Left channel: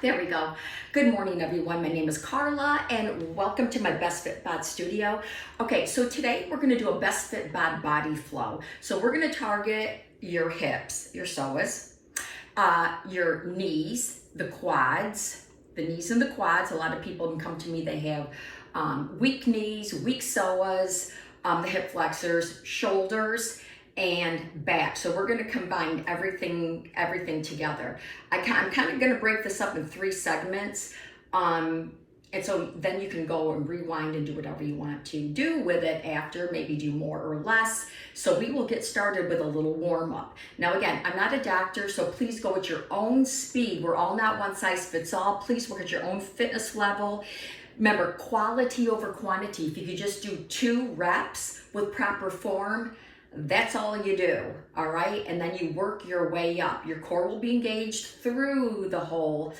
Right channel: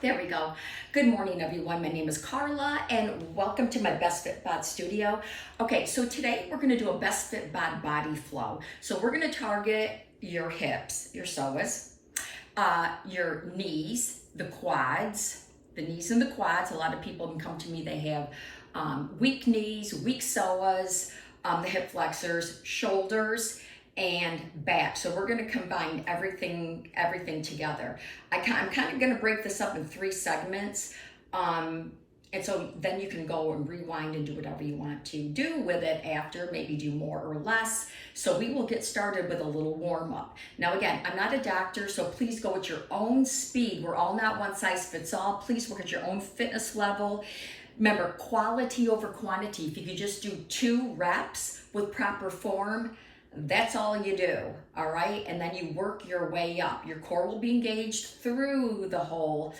There we go. Good morning, everyone. My name is Carla, and welcome to my Bestfit Bod studio. Okay, so today we're going to do a Bestfit Bod body flow. So we're going to target your hips, your psoas, your knees, the quads, the knees and the quads. A lot of people can come to me, they have weak knees, weak psoas, the hip flexors, shoulders, and back. So we're going to combine everything together. I'm kind of going to break this up in 3 segments. And so then you can go and rewind and do whatever you want to do with it after, maybe do more or less. So we will get started with a little warm up. Now again, I'm not a doctor, so please go at your own speed. We're all not one size fits all. Please work at your own fitness level. Remember, quality over quantity. If you could just do 2 reps with proper form, that's all you do, all right? And then you work your way up. Your core will be engaged through the whole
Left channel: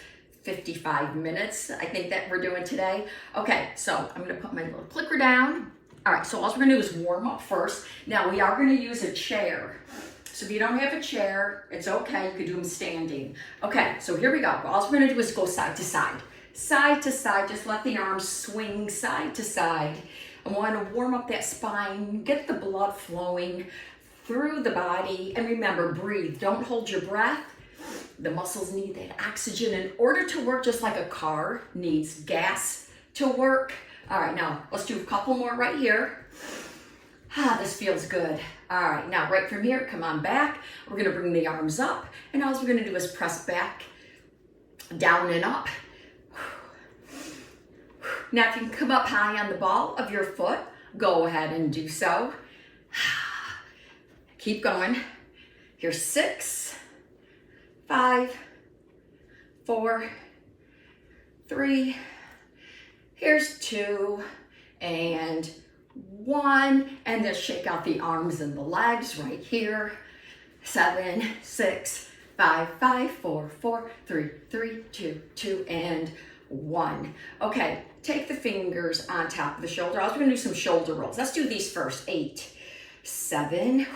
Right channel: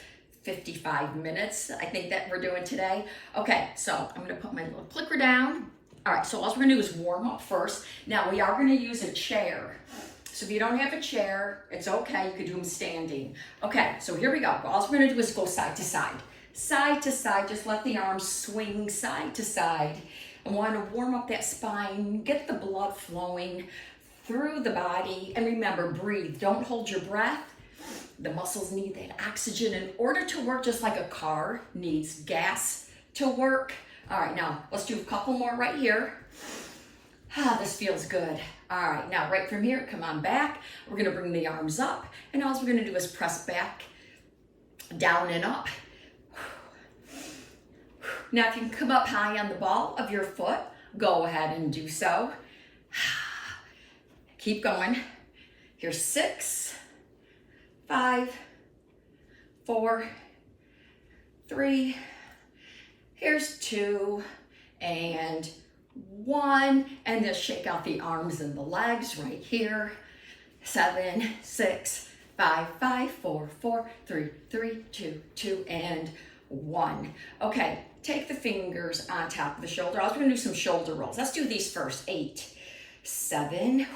55 minutes, I think that we're doing today. Okay, so I'm gonna put my little clicker down. All right, so all we're gonna do is warm up first. Now we are gonna use a chair. So if you don't have a chair, it's okay, you can do them standing. Okay, so here we go. All we're gonna do is go side to side. Side to side, just let the arms swing side to side. I want to warm up that spine, get the blood flowing through the body. And remember, breathe. Don't hold your breath. The muscles need that oxygen in order to work, just like a car needs gas to work. All right, now let's do a couple more right here. This feels good. All right, now right from here, come on back. We're going to bring the arms up, and all we're going to do is press back, down and up. Now, if you can come up high on the ball of your foot, go ahead and do so. Keep going. Here's 6, 5, 4, 3. Here's 2 and 1. And then shake out the arms and the legs right here. 7, 6, 5, 5, 4, 4, 3, 3, 2, 2, and 1. Okay, take the fingers on top of the shoulder. I was going to do some shoulder rolls. Let's do these first. 8, 7,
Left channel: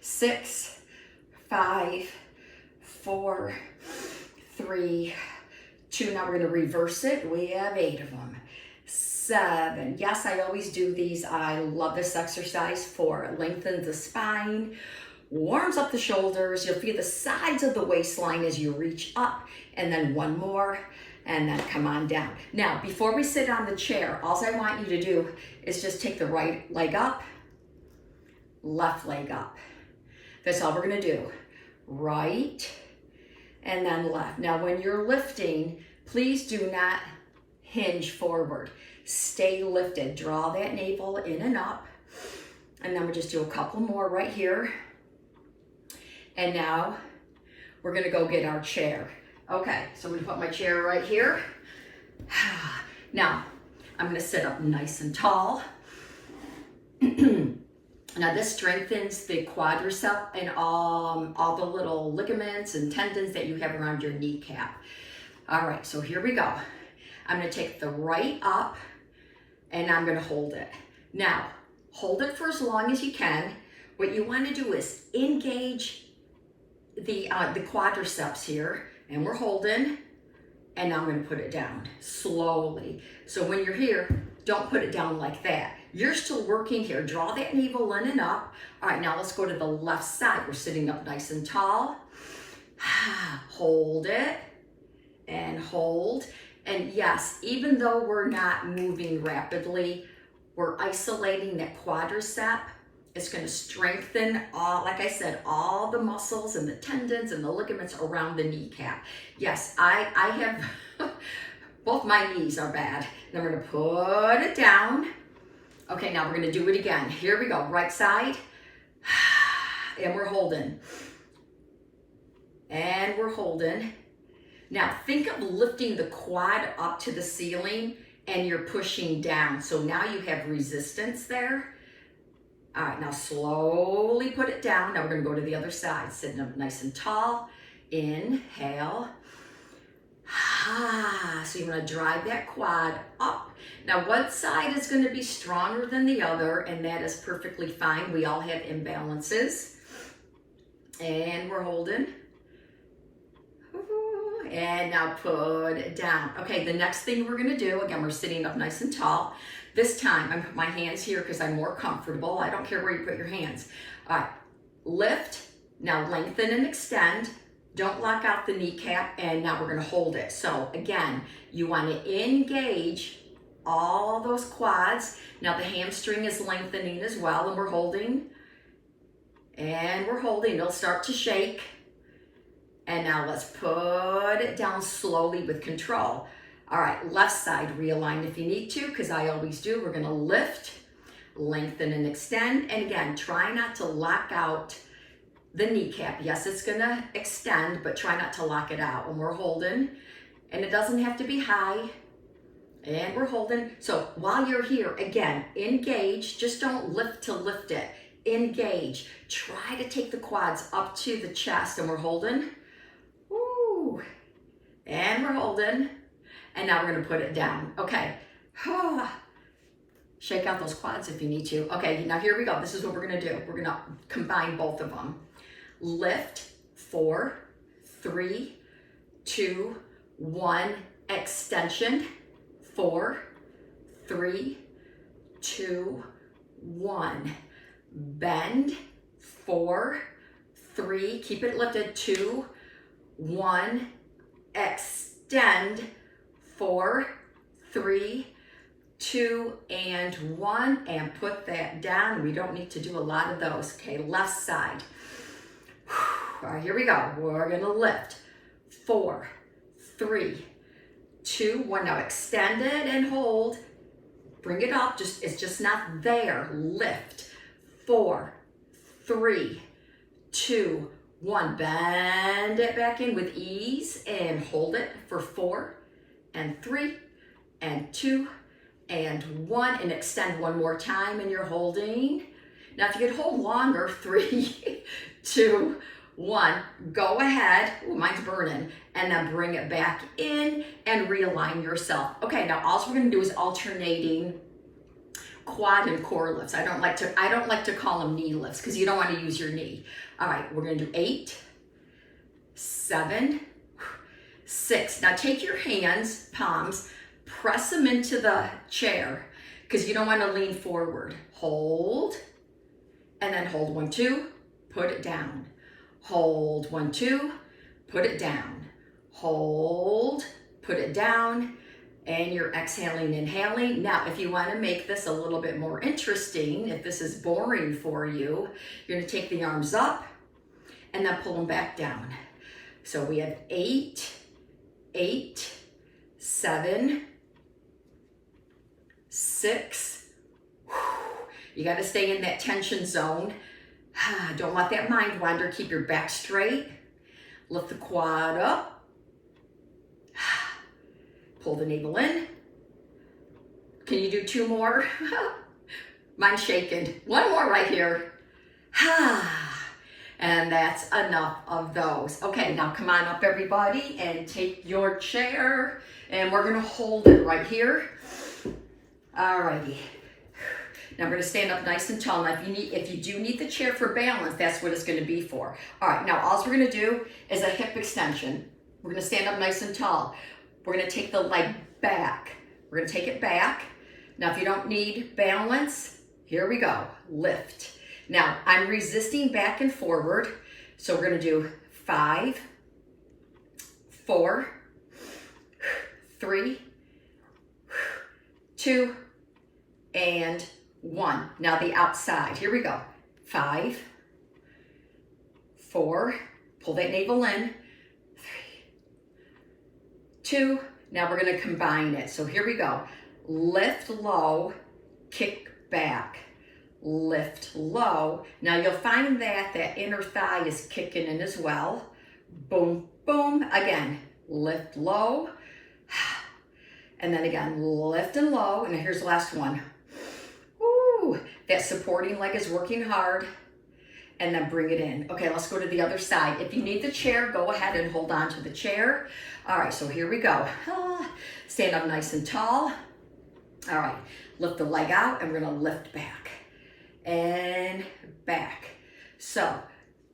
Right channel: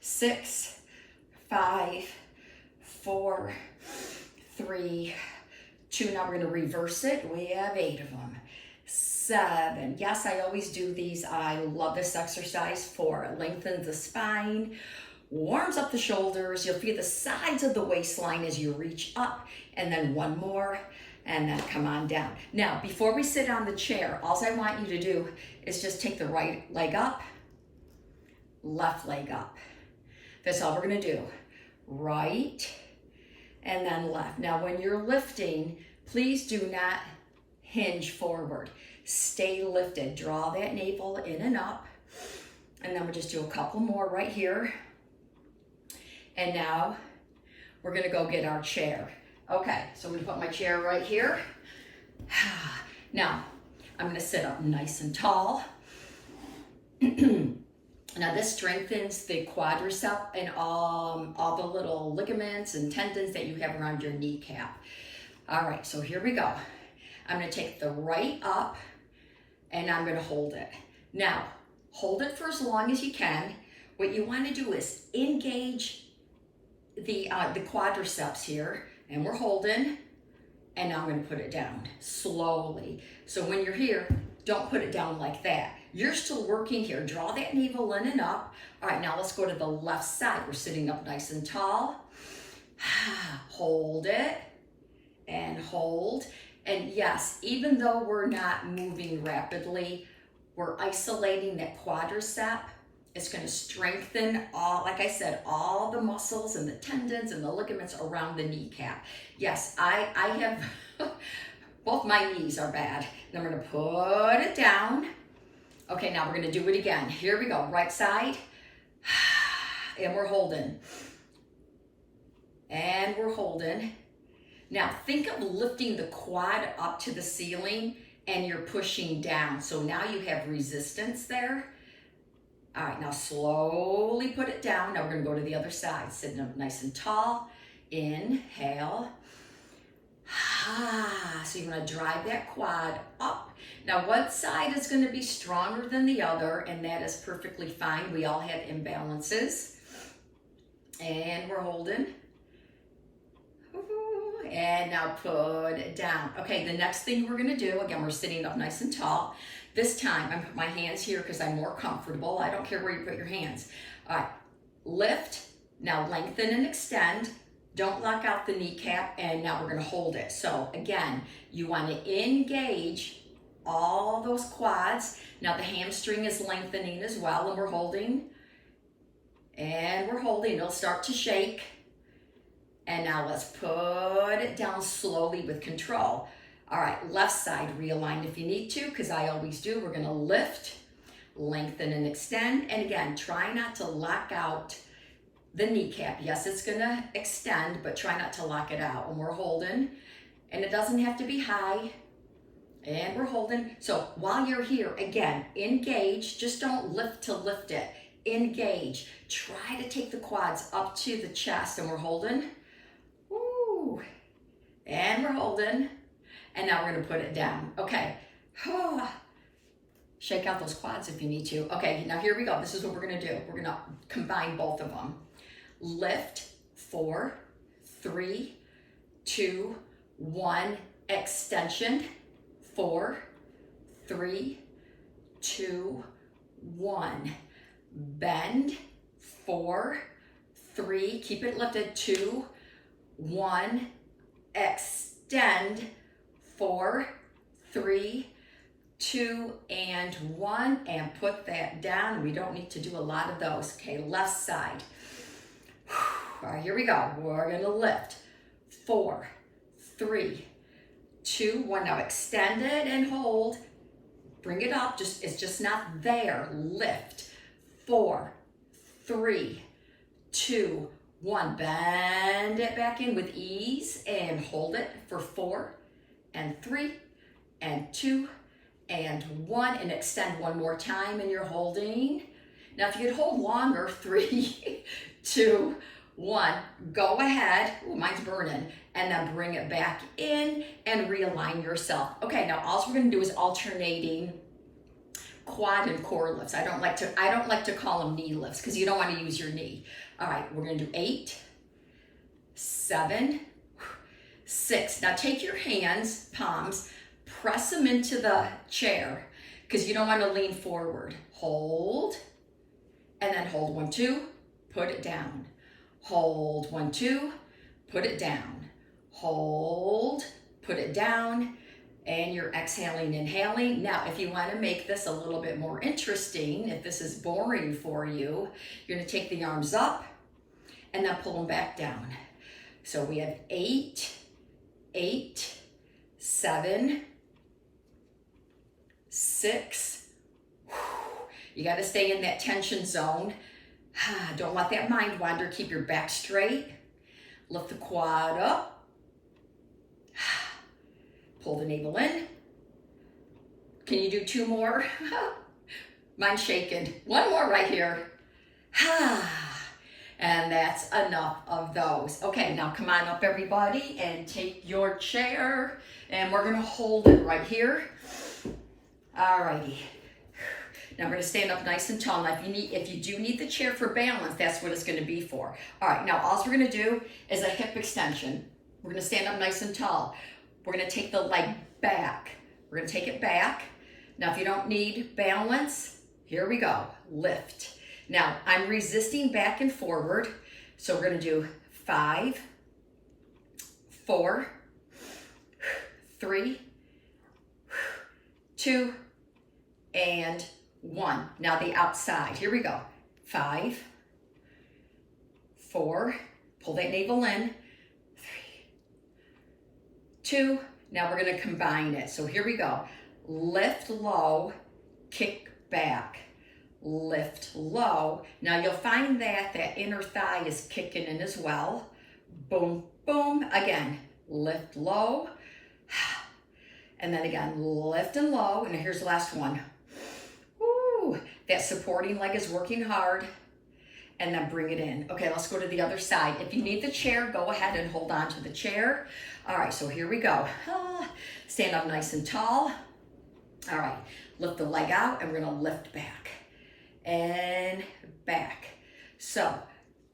6, 5, 4, 3, 2. Now we're going to reverse it. We have 8 of them. 7. Yes, I always do these. I love this exercise for it lengthens the spine, warms up the shoulders. You'll feel the sides of the waistline as you reach up. And then 1 more. And then come on down. Now, before we sit on the chair, all I want you to do is just take the right leg up, left leg up. That's all we're gonna do. Right, and then left. Now, when you're lifting, please do not hinge forward. Stay lifted. Draw that navel in and up. And then we'll just do a couple more right here. And now, we're gonna go get our chair. Okay, so I'm gonna put my chair right here. Now, I'm gonna sit up nice and tall. Now this strengthens the quadricep and all the little ligaments and tendons that you have around your kneecap. All right, so here we go. I'm gonna take the right up and I'm gonna hold it. Now, hold it for as long as you can. What you wanna do is engage the quadriceps here. And we're holding, and now I'm going to put it down slowly. So when you're here, don't put it down like that. You're still working here. Draw that navel in and up. All right, now let's go to the left side. We're sitting up nice and tall. Hold it and hold. And yes, even though we're not moving rapidly, we're isolating that quadricep. It's going to strengthen all, like I said, all the muscles and the tendons and the ligaments around the kneecap. Yes, I have, both my knees are bad. And I'm going to put it down. Okay, now we're going to do it again. Here we go, right side. And we're holding. And we're holding. Now think of lifting the quad up to the ceiling and you're pushing down. So now you have resistance there. All right, now slowly put it down. Now we're gonna go to the other side, sitting up nice and tall. Inhale. So you wanna drive that quad up. Now one side is gonna be stronger than the other, and that is perfectly fine. We all have imbalances. And we're holding. and now put it down. Okay, the next thing we're gonna do, again, we're sitting up nice and tall. This time, I'm putting my hands here because I'm more comfortable. I don't care where you put your hands. All right, lift, now lengthen and extend. Don't lock out the kneecap, and now we're gonna hold it. So again, you wanna engage all those quads. Now the hamstring is lengthening as well, and we're holding, and we're holding. It'll start to shake. And now let's put it down slowly with control. All right, left side, realign if you need to, because I always do. We're gonna lift, lengthen and extend. And again, try not to lock out the kneecap. Yes, it's gonna extend, but try not to lock it out. And we're holding, and it doesn't have to be high. And we're holding. So while you're here, again, engage. Just don't lift to lift it. Engage. Try to take the quads up to the chest, and we're holding. Woo. And we're holding. And now we're gonna put it down. Okay. Shake out those quads if you need to. Okay, now here we go. This is what we're gonna do. We're gonna combine both of them. Lift, 4, 3, 2, 1, extension, 4, 3, 2, 1. Bend, 4, 3, keep it lifted, 2, 1, extend, 4, 3, 2, and 1, and put that down. We don't need to do a lot of those. Okay, left side. All right, here we go. We're gonna lift, 4, 3, 2, 1. Now extend it and hold. Bring it up, it's just not there. Lift, 4, 3, 2, 1. Bend it back in with ease and hold it for 4 and 3 and 2 and 1, and extend one more time, and you're holding. Now if you could hold longer, 3, 2, 1, go ahead. Ooh, mine's burning. And then bring it back in and realign yourself. Okay, now all we're gonna do is alternating quad and core lifts. I don't like to call them knee lifts because you don't want to use your knee. All right, we're gonna do 8, 7, 6. Now take your hands, palms, press them into the chair because you don't want to lean forward. Hold, and then hold 1, 2, put it down. Hold 1, 2, put it down. Hold, put it down, and you're exhaling, inhaling. Now, if you want to make this a little bit more interesting, if this is boring for you, you're going to take the arms up and then pull them back down. So we have 8, 8, 7, 6. You got to stay in that tension zone. Don't let that mind wander. Keep your back straight. Lift the quad up. Pull the navel in. Can you do 2 more? Mine's shaking. 1 more right here. And that's enough of those. Okay, now come on up everybody and take your chair, and we're gonna hold it right here. Alrighty. Now we're gonna stand up nice and tall. Now if you do need the chair for balance, that's what it's gonna be for. All right, now all we're gonna do is a hip extension. We're gonna stand up nice and tall. We're gonna take the leg back. We're gonna take it back. Now if you don't need balance, here we go, lift. Now I'm resisting back and forward, so we're gonna do 5, 4, 3, 2, and 1. Now the outside, here we go. 5, 4, pull that navel in, 3, 2, now we're gonna combine it. So here we go. Lift low, kick back, lift low. Now you'll find that inner thigh is kicking in as well. Boom, boom, again, lift low, and then again, lift and low, and here's the last one. Woo, that supporting leg is working hard, and then bring it in. Okay, let's go to the other side. If you need the chair, go ahead and hold on to the chair. All right, so here we go. Stand up nice and tall. All right, lift the leg out, and we're gonna lift back and back. So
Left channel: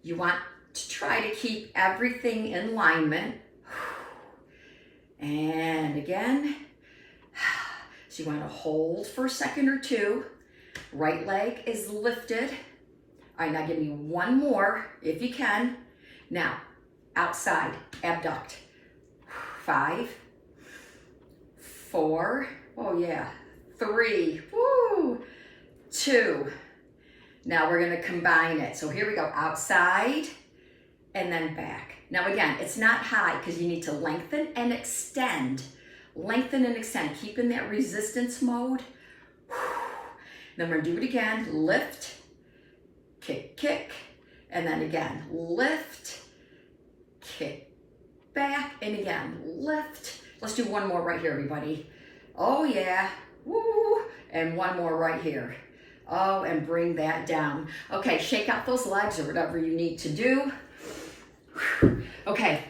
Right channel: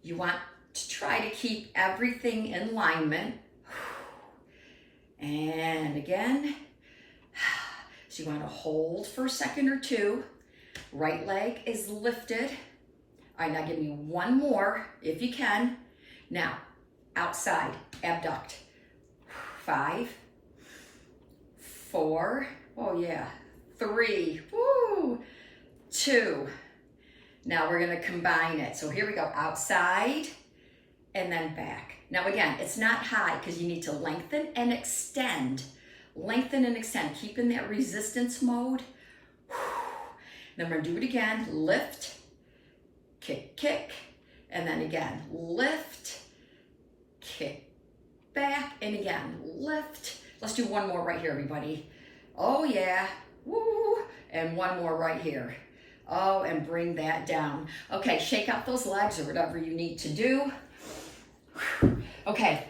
you want to try to keep everything in alignment. And again. So you want to hold for a second or two. Right leg is lifted. All right, now give me one more if you can. Now, outside, abduct. 5, 4, oh yeah, 3, woo, 2. Now we're gonna combine it. So here we go, outside and then back. Now again, it's not high because you need to lengthen and extend. Lengthen and extend, keep in that resistance mode. Then we're gonna do it again, lift, kick, kick, and then again, lift, kick, back, and again, lift. Let's do one more right here, everybody. Oh yeah, woo, and one more right here. Oh, and bring that down. Okay, shake out those legs or whatever you need to do. Okay,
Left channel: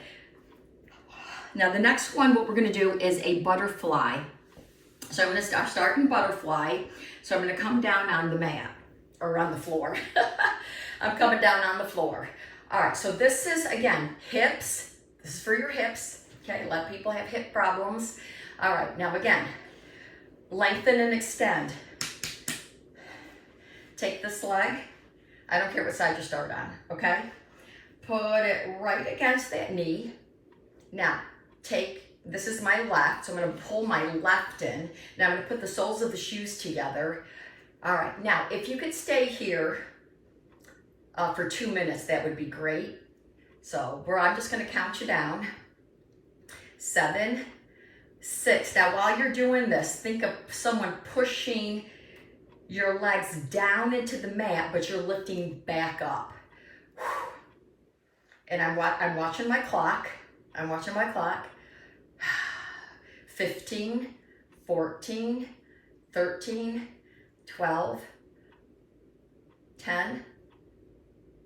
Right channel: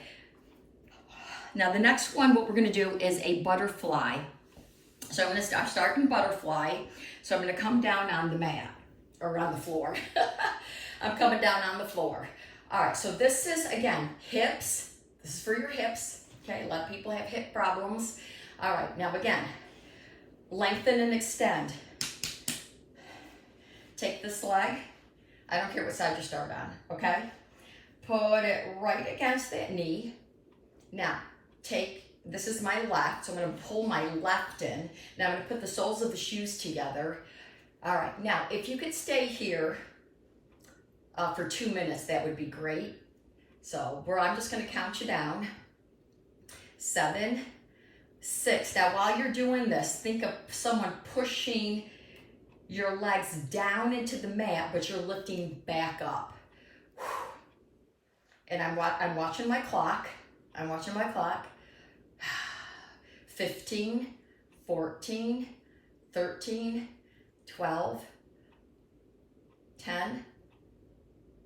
now the next one, what we're gonna do is a butterfly. So I'm gonna start in butterfly. So I'm gonna come down on the mat, or on the floor. I'm coming down on the floor. All right, so this is, again, hips. This is for your hips, okay? A lot of people have hip problems. All right, now again, lengthen and extend. Take this leg. I don't care what side you start on, okay? Put it right against that knee. Now, this is my left, so I'm gonna pull my left in. Now I'm gonna put the soles of the shoes together. All right, now if you could stay here for 2 minutes, that would be great. So I'm just gonna count you down. 7, 6. Now while you're doing this, think of someone pushing your legs down into the mat, but you're lifting back up. And I'm watching my clock. I'm watching my clock. 15, 14, 13, 12, 10,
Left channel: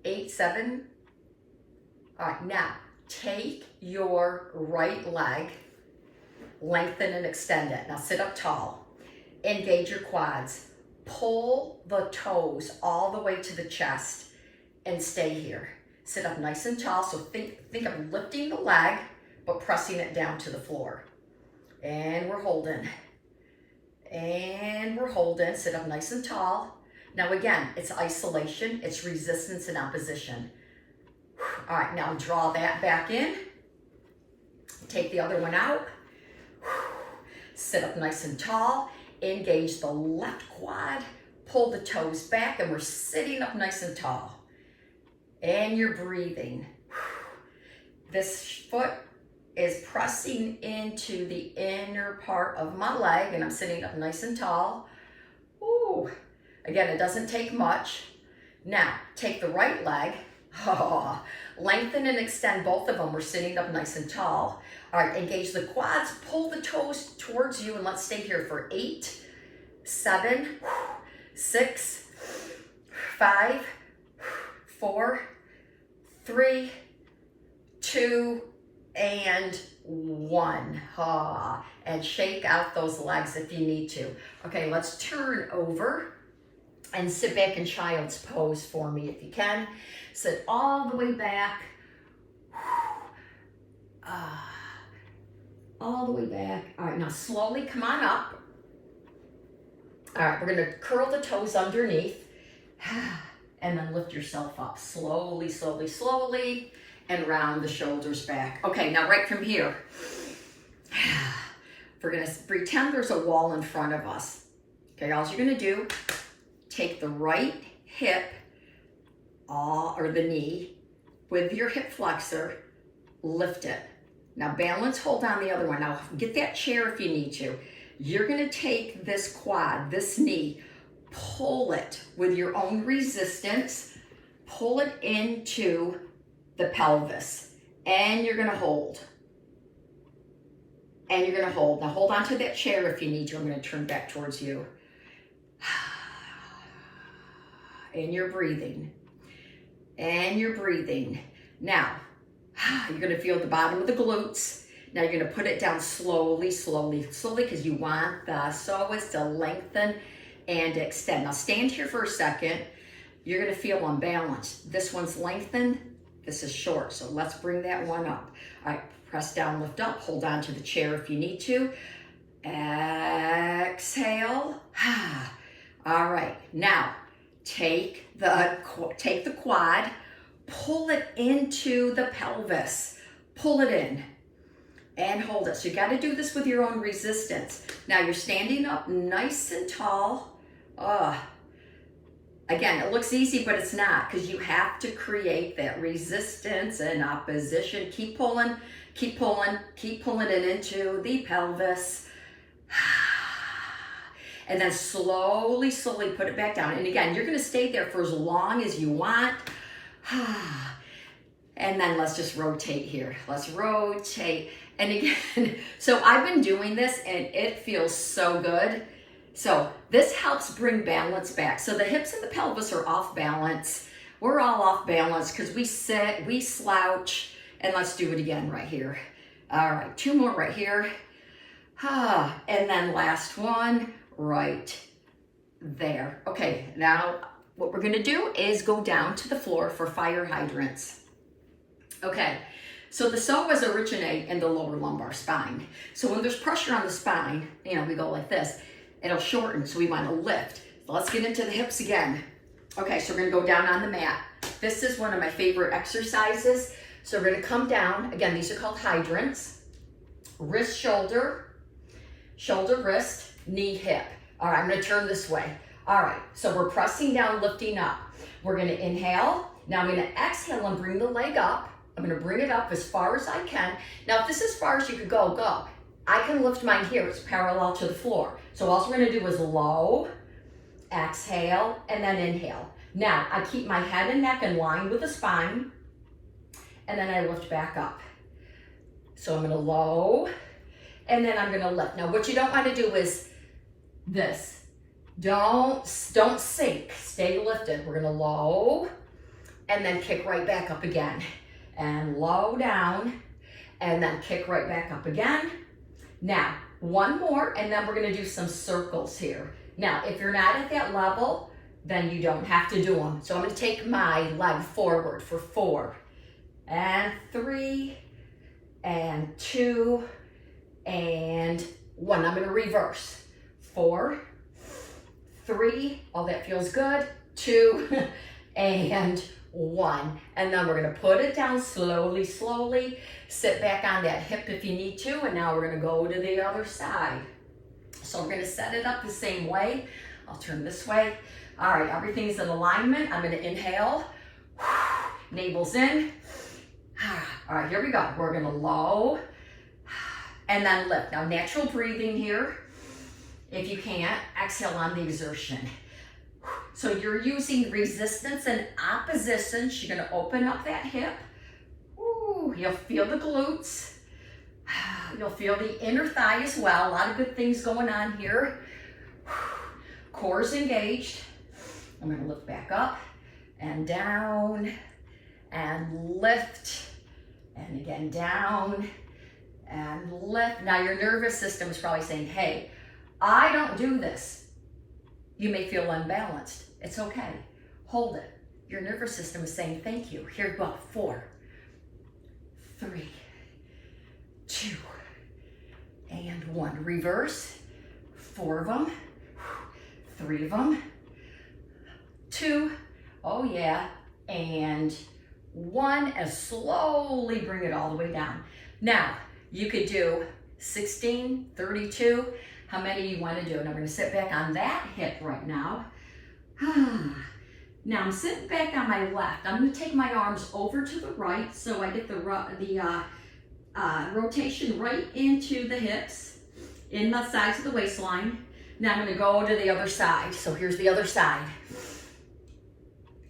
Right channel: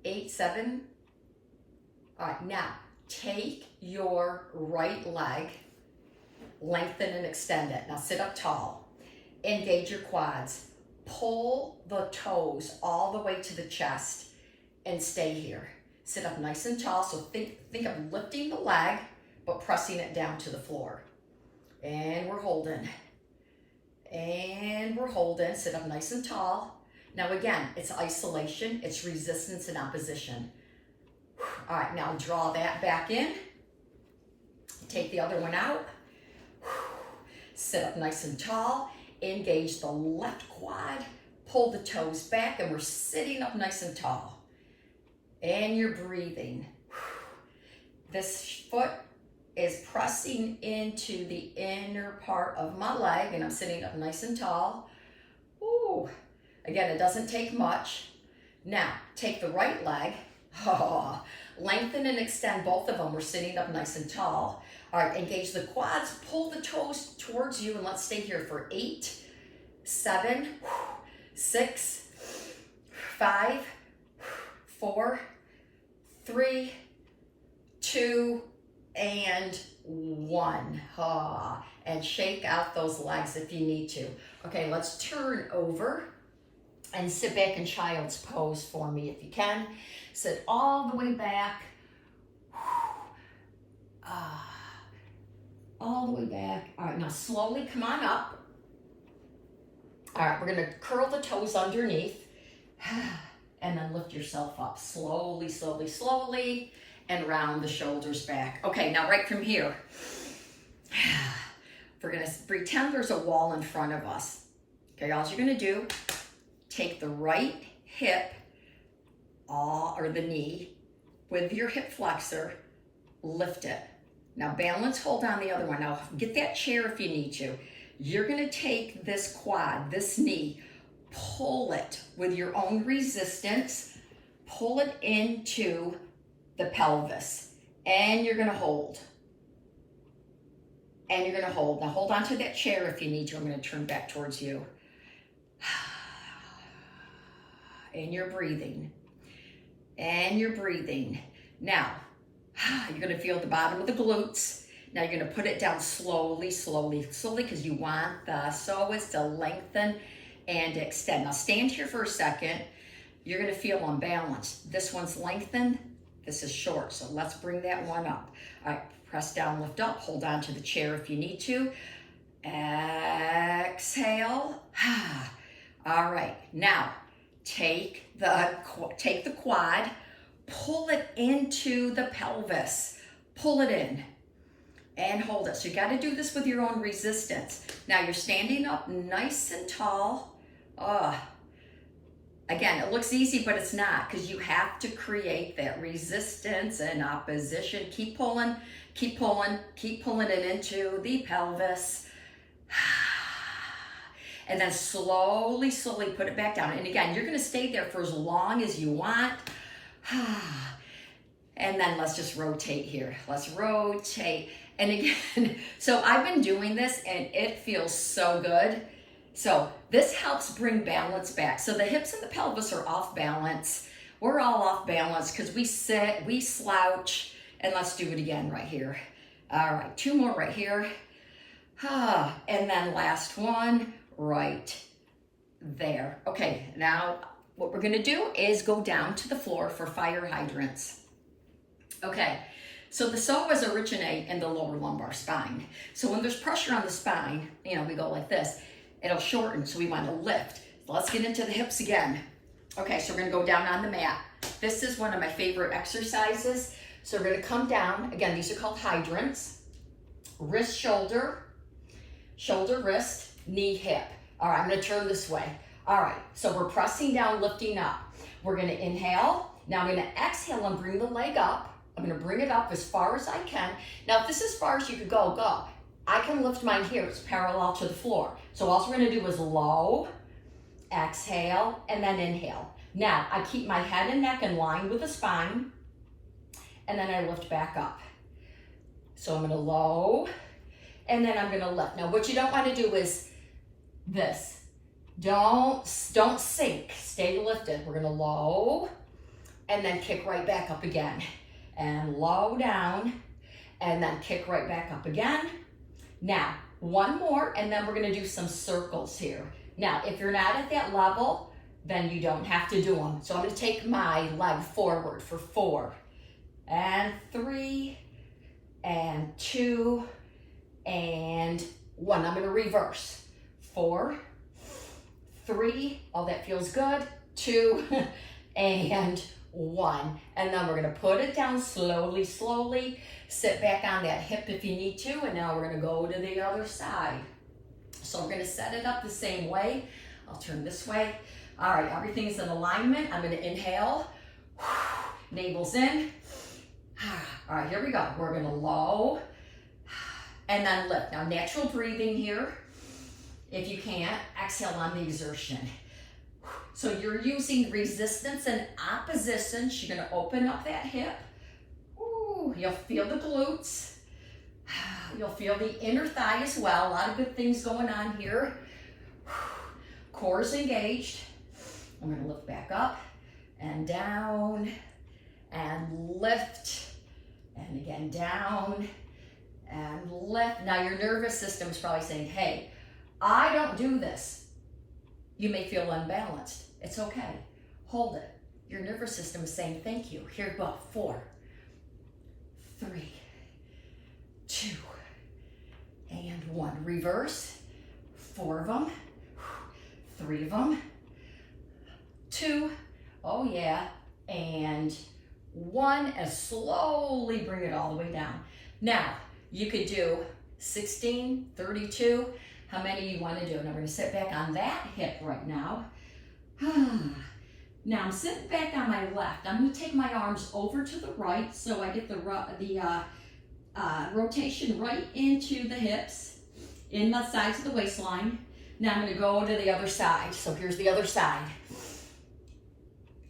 8, 7. All right, now take your right leg, lengthen and extend it. Now sit up tall, engage your quads, pull the toes all the way to the chest and stay here. Sit up nice and tall, so think of lifting the leg, but pressing it down to the floor. And we're holding. And we're holding, sit up nice and tall. Now again, it's isolation, it's resistance and opposition. All right, now draw that back in. Take the other one out. Sit up nice and tall. Engage the left quad. Pull the toes back, and we're sitting up nice and tall. And you're breathing. This foot is pressing into the inner part of my leg, and I'm sitting up nice and tall. Ooh. Again, it doesn't take much. Now, take the right leg. Oh, lengthen and extend both of them. We're sitting up nice and tall. All right, engage the quads, pull the toes towards you, and let's stay here for 8, 7, 6, 5, 4, 3, 2, and 1. And shake out those legs if you need to. Okay, let's turn over and sit back in child's pose for me if you can. Sit all the way back. All the way back. All right, now slowly come on up. All right, we're gonna curl the toes underneath and then lift yourself up slowly, slowly, slowly, and round the shoulders back. Okay, now right from here, we're gonna pretend there's a wall in front of us. Okay, all you're gonna do, take the right hip or the knee with your hip flexor, lift it. Now balance, hold on the other one. Now get that chair if you need to. You're gonna take this quad, this knee, pull it with your own resistance, pull it into the pelvis, and you're gonna hold. And you're gonna hold. Now hold on to that chair if you need to. I'm gonna turn back towards you. And you're breathing. And you're breathing. Now, you're gonna feel the bottom of the glutes. Now you're gonna put it down slowly, slowly, slowly, because you want the psoas to lengthen and extend. Now stand here for a second. You're gonna feel unbalanced. This one's lengthened, this is short, so let's bring that one up. All right, Press down, lift up, hold on to the chair if you need to. Exhale. All right, now take the quad, pull it into the pelvis, pull it in and hold it. So you got to do this with your own resistance. Now you're standing up nice and tall. Again, it looks easy, but it's not, because you have to create that resistance and opposition. Keep pulling, keep pulling, keep pulling it into the pelvis. And then slowly, slowly put it back down. And again, you're gonna stay there for as long as you want. And then let's just rotate here. Let's rotate. And again, so I've been doing this and it feels so good. So this helps bring balance back. So the hips and the pelvis are off balance. We're all off balance because we sit, we slouch, and let's do it again right here. All right, 2 more right here. And then last one right there. Okay, now what we're gonna do is go down to the floor for fire hydrants. Okay, so the psoas originate in the lower lumbar spine. So when there's pressure on the spine, you know, we go like this, it'll shorten, so we want to lift. Let's get into the hips again. Okay, so we're gonna go down on the mat. This is one of my favorite exercises. So we're gonna come down, again, these are called hydrants. Wrist, shoulder, shoulder, wrist, knee, hip. All right, I'm gonna turn this way. All right, so we're pressing down, lifting up. We're gonna inhale. Now I'm gonna exhale and bring the leg up. I'm gonna bring it up as far as I can. Now, if this is as far as you could go, go. I can lift mine here, it's parallel to the floor. So all we're gonna do is low, exhale, and then inhale. Now, I keep my head and neck in line with the spine, and then I lift back up. So I'm gonna low, and then I'm gonna lift. Now, what you don't wanna do is this. Don't sink, stay lifted. We're gonna low, and then kick right back up again. And low down, and then kick right back up again. Now, one more, and then we're gonna do some circles here. Now, if you're not at that level, then you don't have to do them. So I'm gonna take my leg forward for 4, and 3, and 2, and 1. I'm gonna reverse. 4, 3, oh, that feels good. 2, and 1. And then we're gonna put it down slowly, slowly. Sit back on that hip if you need to, and now we're gonna go to the other side. So we're gonna set it up the same way. I'll turn this way. All right, everything's in alignment. I'm gonna inhale, navel's in. All right, here we go. We're gonna low, and then lift. Now, natural breathing here. If you can't, exhale on the exertion. So you're using resistance and opposition. You're gonna open up that hip. Ooh, you'll feel the glutes. You'll feel the inner thigh as well. A lot of good things going on here. Core's engaged. I'm gonna lift back up and down and lift, and again down and lift. Now your nervous system is probably saying, hey, I don't do this. You may feel unbalanced. It's okay. Hold it. Your nervous system is saying thank you. Here we go. 4, 3, 2, and 1. Reverse. 4 of them. 3 of them. 2. Oh yeah. And 1. And slowly bring it all the way down. Now, you could do 16, 32. How many you want to do? And I'm going to sit back on that hip right now. Now I'm sitting back on my left. I'm going to take my arms over to the right so I get the rotation right into the hips, in the sides of the waistline. Now I'm going to go to the other side. So here's the other side.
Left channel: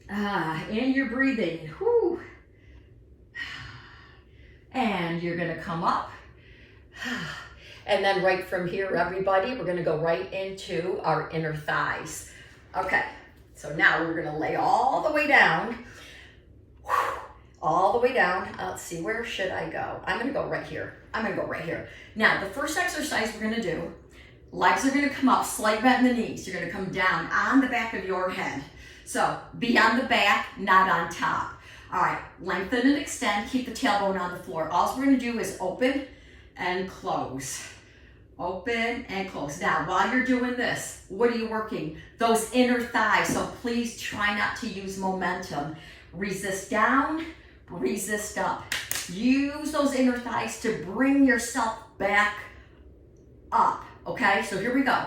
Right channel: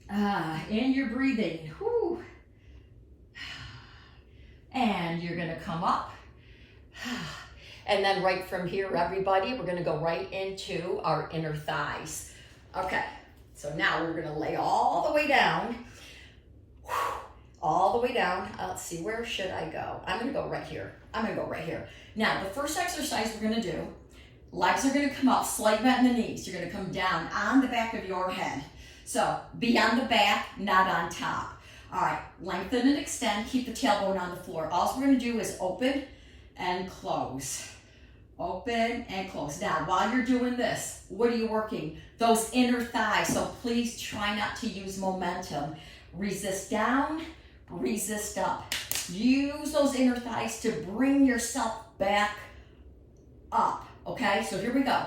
And you're breathing. Whew. And you're going to come up. And then right from here, everybody, we're gonna go right into our inner thighs. Okay, so now we're gonna lay all the way down. All the way down. Let's see, where should I go? I'm gonna go right here. I'm gonna go right here. Now, the first exercise we're gonna do, legs are gonna come up, slight bend in the knees. You're gonna come down on the back of your head. So, be on the back, not on top. All right, lengthen and extend, keep the tailbone on the floor. All we're gonna do is open and close. Open and close. Now, while you're doing this, what are you working? Those inner thighs, so please try not to use momentum. Resist down, resist up. Use those inner thighs to bring yourself back up, okay? So here we go.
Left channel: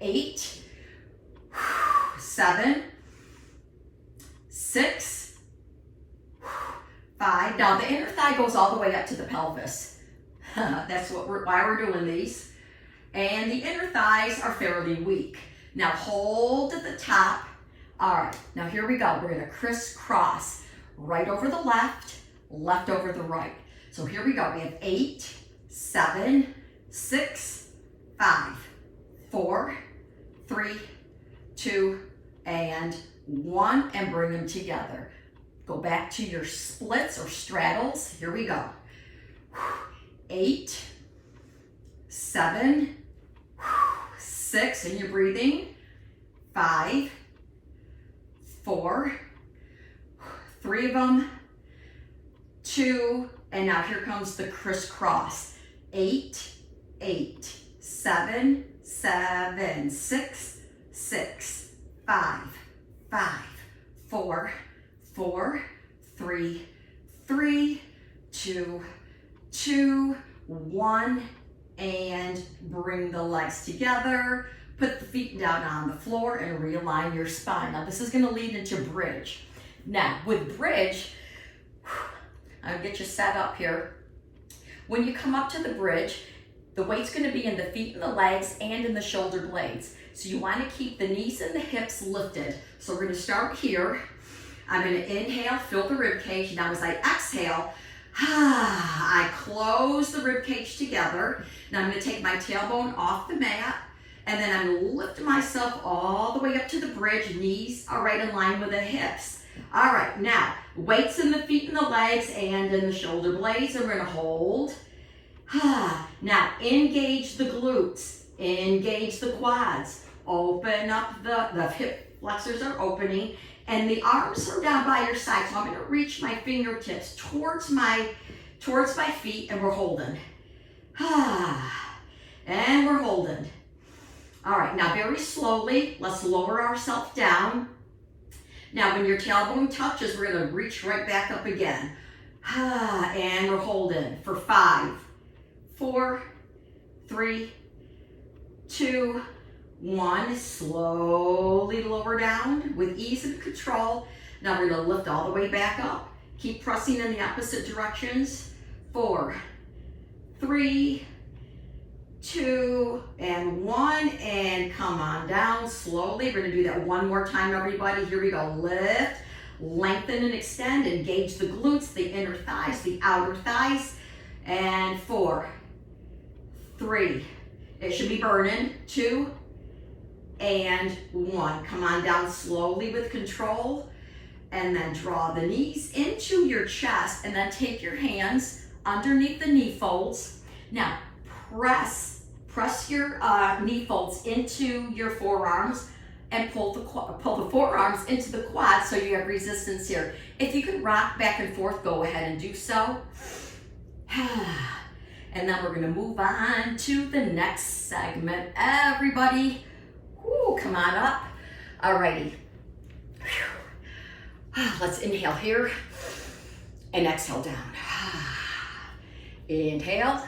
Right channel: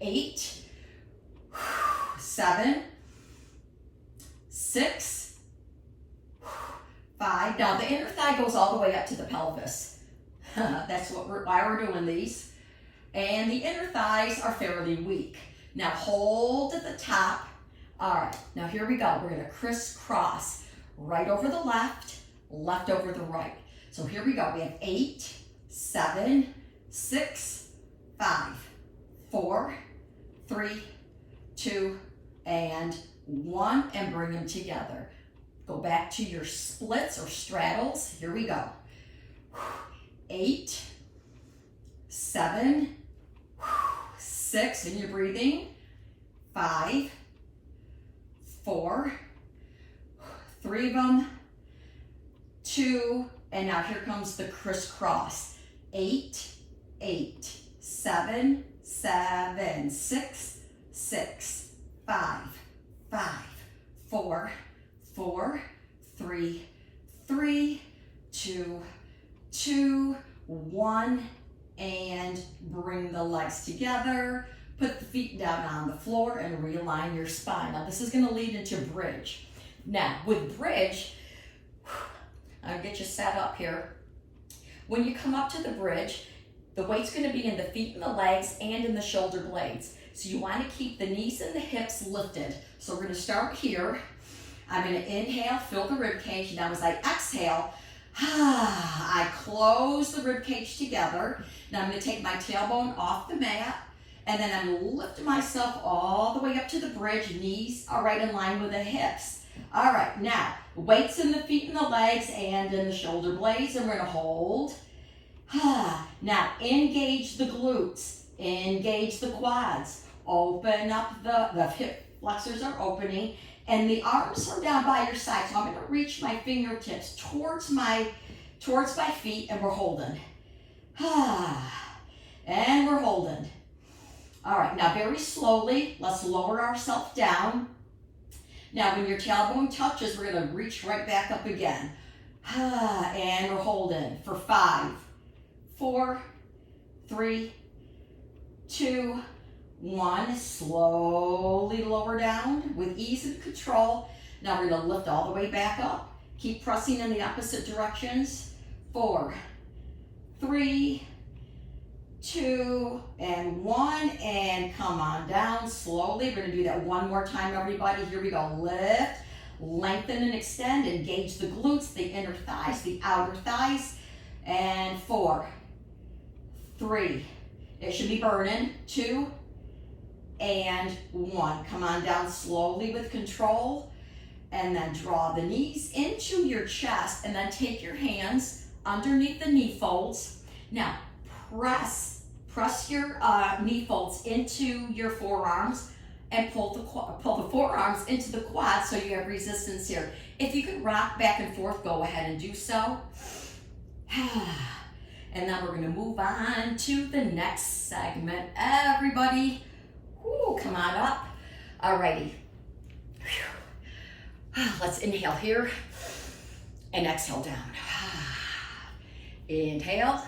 8, 7, 6, 5. Now the inner thigh goes all the way up to the pelvis. That's why we're doing these. And the inner thighs are fairly weak. Now hold at the top. All right, now here we go. We're gonna crisscross. Right over the left, left over the right. So here we go. We have 8, 7, 6, 5, 4, 3, 2, and 1, and bring them together. Go back to your splits or straddles. Here we go. 8, 7, 6, and you're breathing. 5, 4, 3 of them, 2, and now here comes the crisscross. 8, 8, 7, 7, 6, 6, 5, 5, 4, 4, 3, 3, 2, 2, 1, and bring the legs together. Put the feet down on the floor and realign your spine. Now this is gonna lead into bridge. Now with bridge, I'll get you set up here. When you come up to the bridge, the weight's gonna be in the feet and the legs and in the shoulder blades. So you wanna keep the knees and the hips lifted. So we're gonna start here. I'm gonna inhale, fill the rib cage. Now as I exhale, I close the rib cage together. Now I'm gonna take my tailbone off the mat, and then I'm gonna lift myself all the way up to the bridge. Knees are right in line with the hips. All right, now weights in the feet and the legs and in the shoulder blades, and we're gonna hold. Now engage the glutes, engage the quads, open up the hip flexors are opening, and the arms are down by your side. So I'm gonna reach my fingertips towards my feet, and we're holding. And we're holding. All right, now very slowly, let's lower ourselves down. Now when your tailbone touches, we're gonna reach right back up again. And we're holding for 5, 4, 3, 2, 1. Slowly lower down with ease and control. Now we're gonna lift all the way back up. Keep pressing in the opposite directions. 4, 3, 2, and 1, and come on down slowly. We're gonna do that one more time, everybody. Here we go. Lift, lengthen and extend. Engage the glutes, the inner thighs, the outer thighs. And 4, 3, it should be burning. 2, and 1. Come on down slowly with control, and then draw the knees into your chest, and then take your hands underneath the knee folds. Now press your knee folds into your forearms, and pull the forearms into the quads so you have resistance here. If you can rock back and forth, go ahead and do so. And then we're gonna move on to the next segment. Everybody, come on up. Alrighty. Let's inhale here and exhale down. Inhale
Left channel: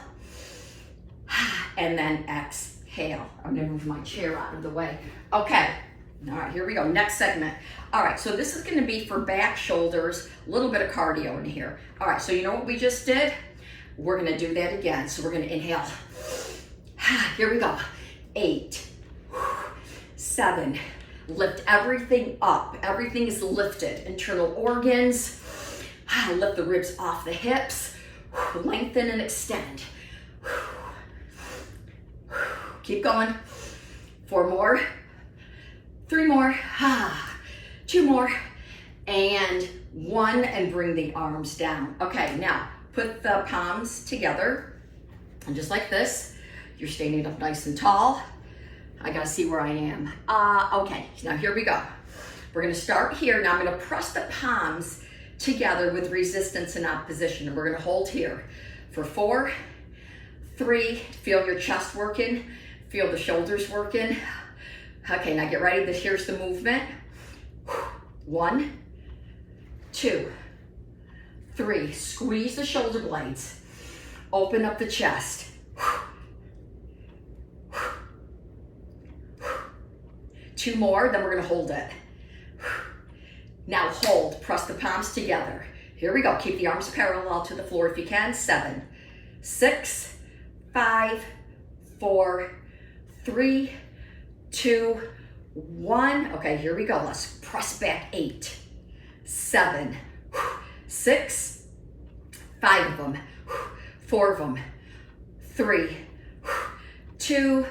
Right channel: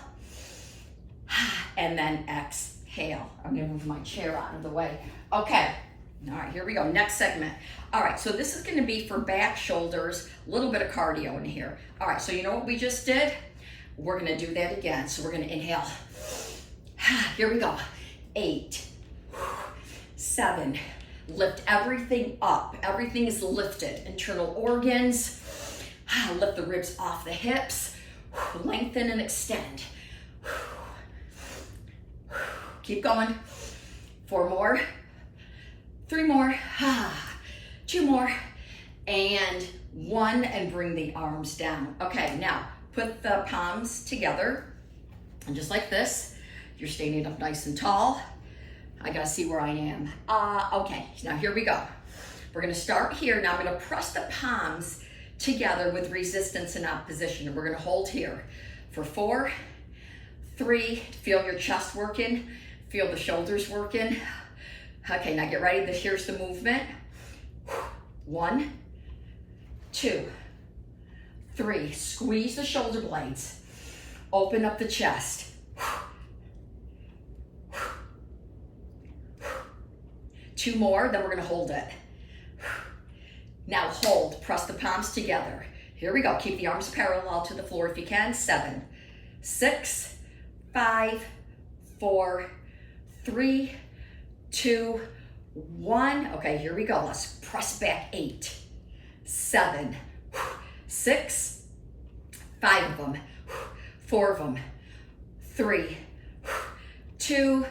and then exhale. I'm gonna move my chair out of the way. Okay, all right, here we go, next segment. All right, so this is gonna be for back, shoulders, a little bit of cardio in here. All right, so you know what we just did? We're gonna do that again. So we're gonna inhale. Here we go. 8, 7, lift everything up. Everything is lifted. Internal organs. Lift the ribs off the hips. Lengthen and extend. Keep going. 4 more. 3 more. 2 more. And 1, and bring the arms down. Okay, now put the palms together, and just like this, you're standing up nice and tall. I gotta see where I am. Okay, now here we go. We're gonna start here. Now I'm gonna press the palms together with resistance and opposition. And we're gonna hold here for 4, 3, feel your chest working, feel the shoulders working. Okay, now get ready, here's the movement. 1, 2, 3, squeeze the shoulder blades, open up the chest. 2 more, then we're gonna hold it. Now hold, press the palms together. Here we go, keep the arms parallel to the floor if you can. 7, 6, 5, 4, 3, 2, 1. Okay, here we go, let's press back. 8, 7, 6, 5 of them, 4 of them, 3, 2,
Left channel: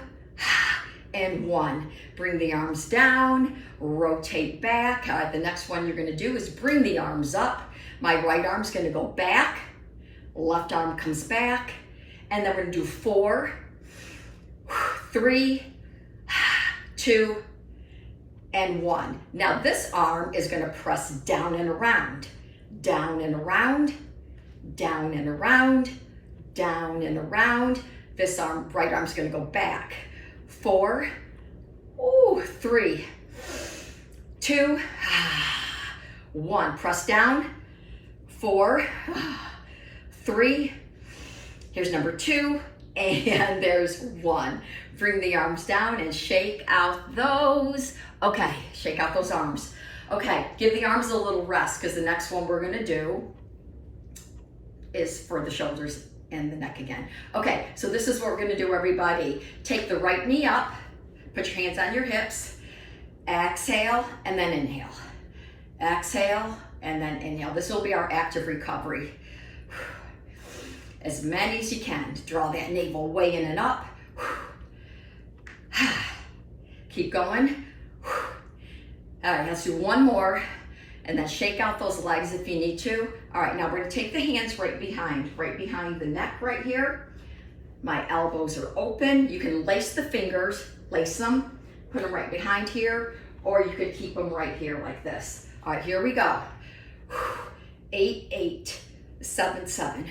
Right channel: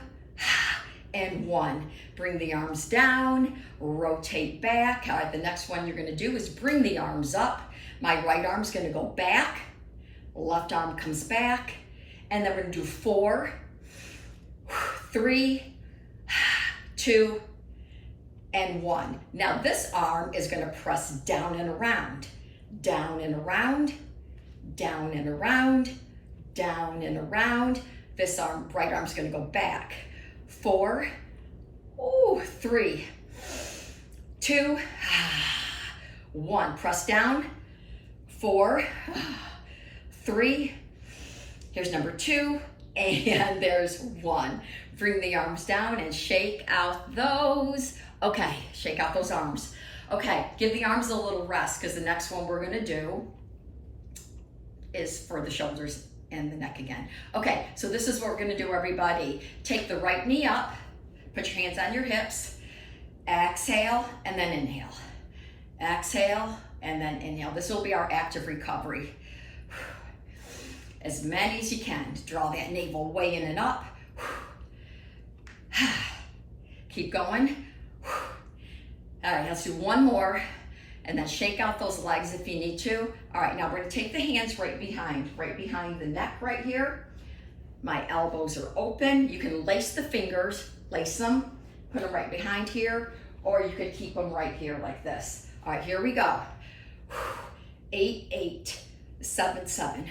and 1. Bring the arms down, rotate back. All right, the next one you're gonna do is bring the arms up. My right arm's gonna go back, left arm comes back, and then we're gonna do 4, 3, 2, and 1. Now this arm is gonna press down and around, down and around, down and around, down and around. This arm, right arm's gonna go back. 4, 3, 2, 1. Press down. 4, 3. Here's number 2, and there's 1. Bring the arms down and shake out those. Okay, shake out those arms. Okay, give the arms a little rest because the next one we're gonna do is for the shoulders and the neck again. Okay, so this is what we're gonna do, everybody. Take the right knee up, put your hands on your hips, exhale, and then inhale. Exhale, and then inhale. This will be our active recovery. As many as you can. Draw that navel way in and up. Keep going. All right, let's do one more, and then shake out those legs if you need to. All right, now we're gonna take the hands right behind the neck right here. My elbows are open. You can lace the fingers, lace them, put them right behind here, or you could keep them right here like this. All right, here we go. 8, 8, 7, 7,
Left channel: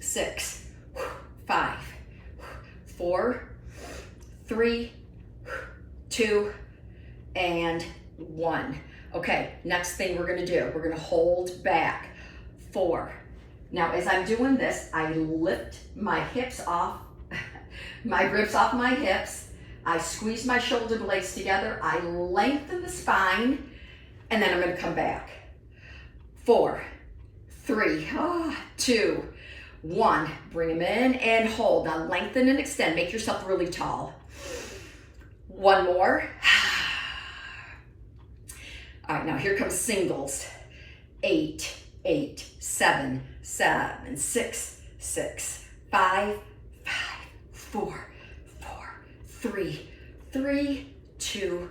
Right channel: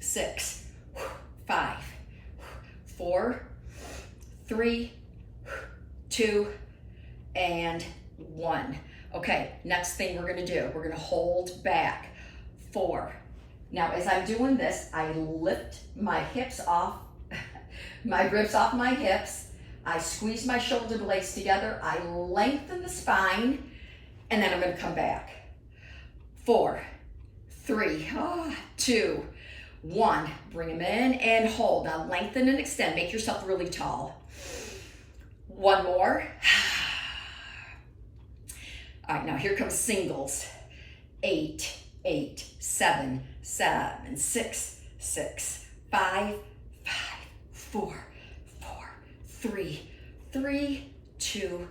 6, 5, 4, 3, 2, and 1. Okay, next thing we're gonna do, we're gonna hold back. 4. Now, as I'm doing this, I lift my hips off, my ribs off my hips. I squeeze my shoulder blades together. I lengthen the spine, and then I'm gonna come back. 4, 3, 2, 1. Bring them in and hold. Now lengthen and extend. Make yourself really tall. 1 more. All right, now here comes singles. 8, 8, 7, 7, 6, 6, 5, 5, 4, 4, 3, 3, 2,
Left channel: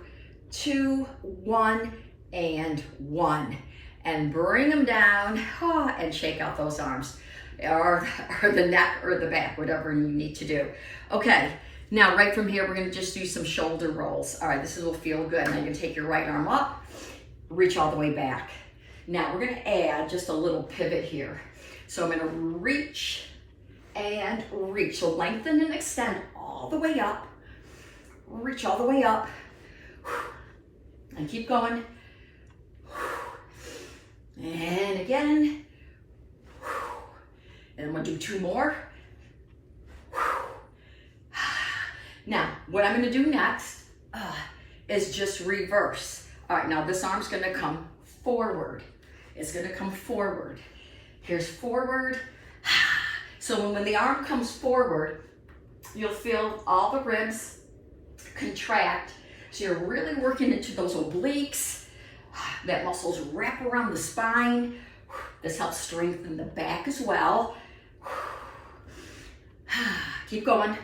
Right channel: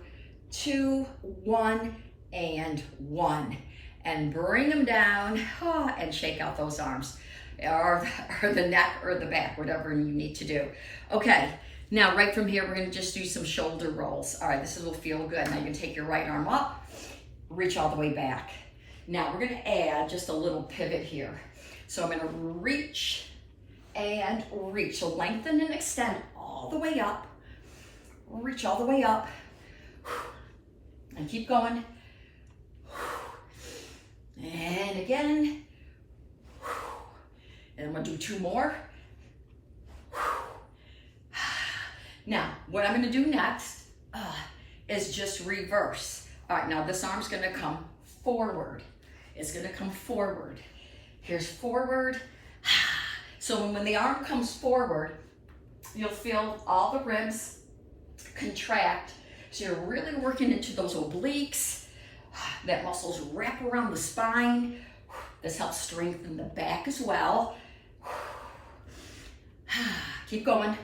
2, 1, and 1. And bring them down and shake out those arms or the neck or the back, whatever you need to do. Okay, now right from here, we're gonna just do some shoulder rolls. All right, this will feel good. Now you're gonna take your right arm up, reach all the way back. Now we're gonna add just a little pivot here. So I'm gonna reach and reach. So lengthen and extend all the way up. Reach all the way up. And keep going. And again. And I'm gonna do 2 more. Now, what I'm gonna do next is just reverse. All right, now this arm's gonna come forward. It's gonna come forward. Here's forward. So when the arm comes forward, you'll feel all the ribs contract. So you're really working into those obliques. That muscles wrap around the spine. This helps strengthen the back as well. Keep going.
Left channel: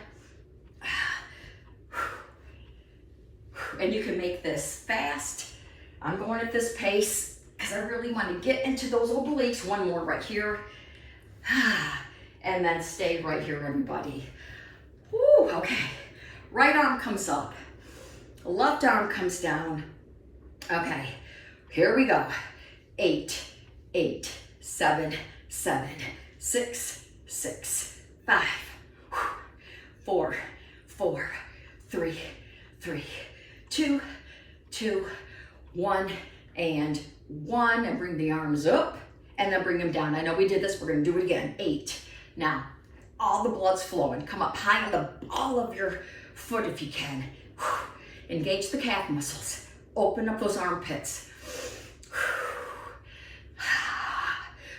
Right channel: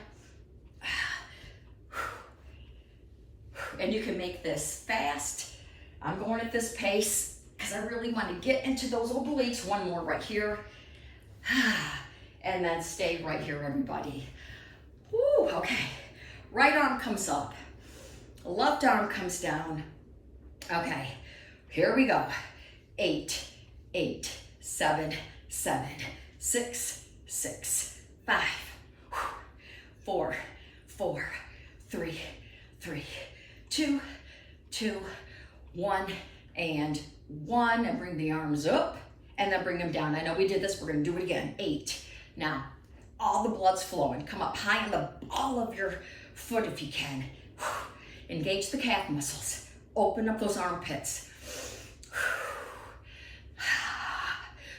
And you can make this fast. I'm going at this pace because I really want to get into those obliques. 1 more right here. And then stay right here, everybody. Woo, okay. Right arm comes up. Left arm comes down. Okay, here we go. 8, 8, 7, 7, 6, 6, 5, 4, 4, 3, 3, 2, 2, 1, and 1. And bring the arms up and then bring them down. I know we did this, we're gonna do it again. 8. Now, all the blood's flowing. Come up high on the ball of your foot if you can. Engage the calf muscles. Open up those armpits.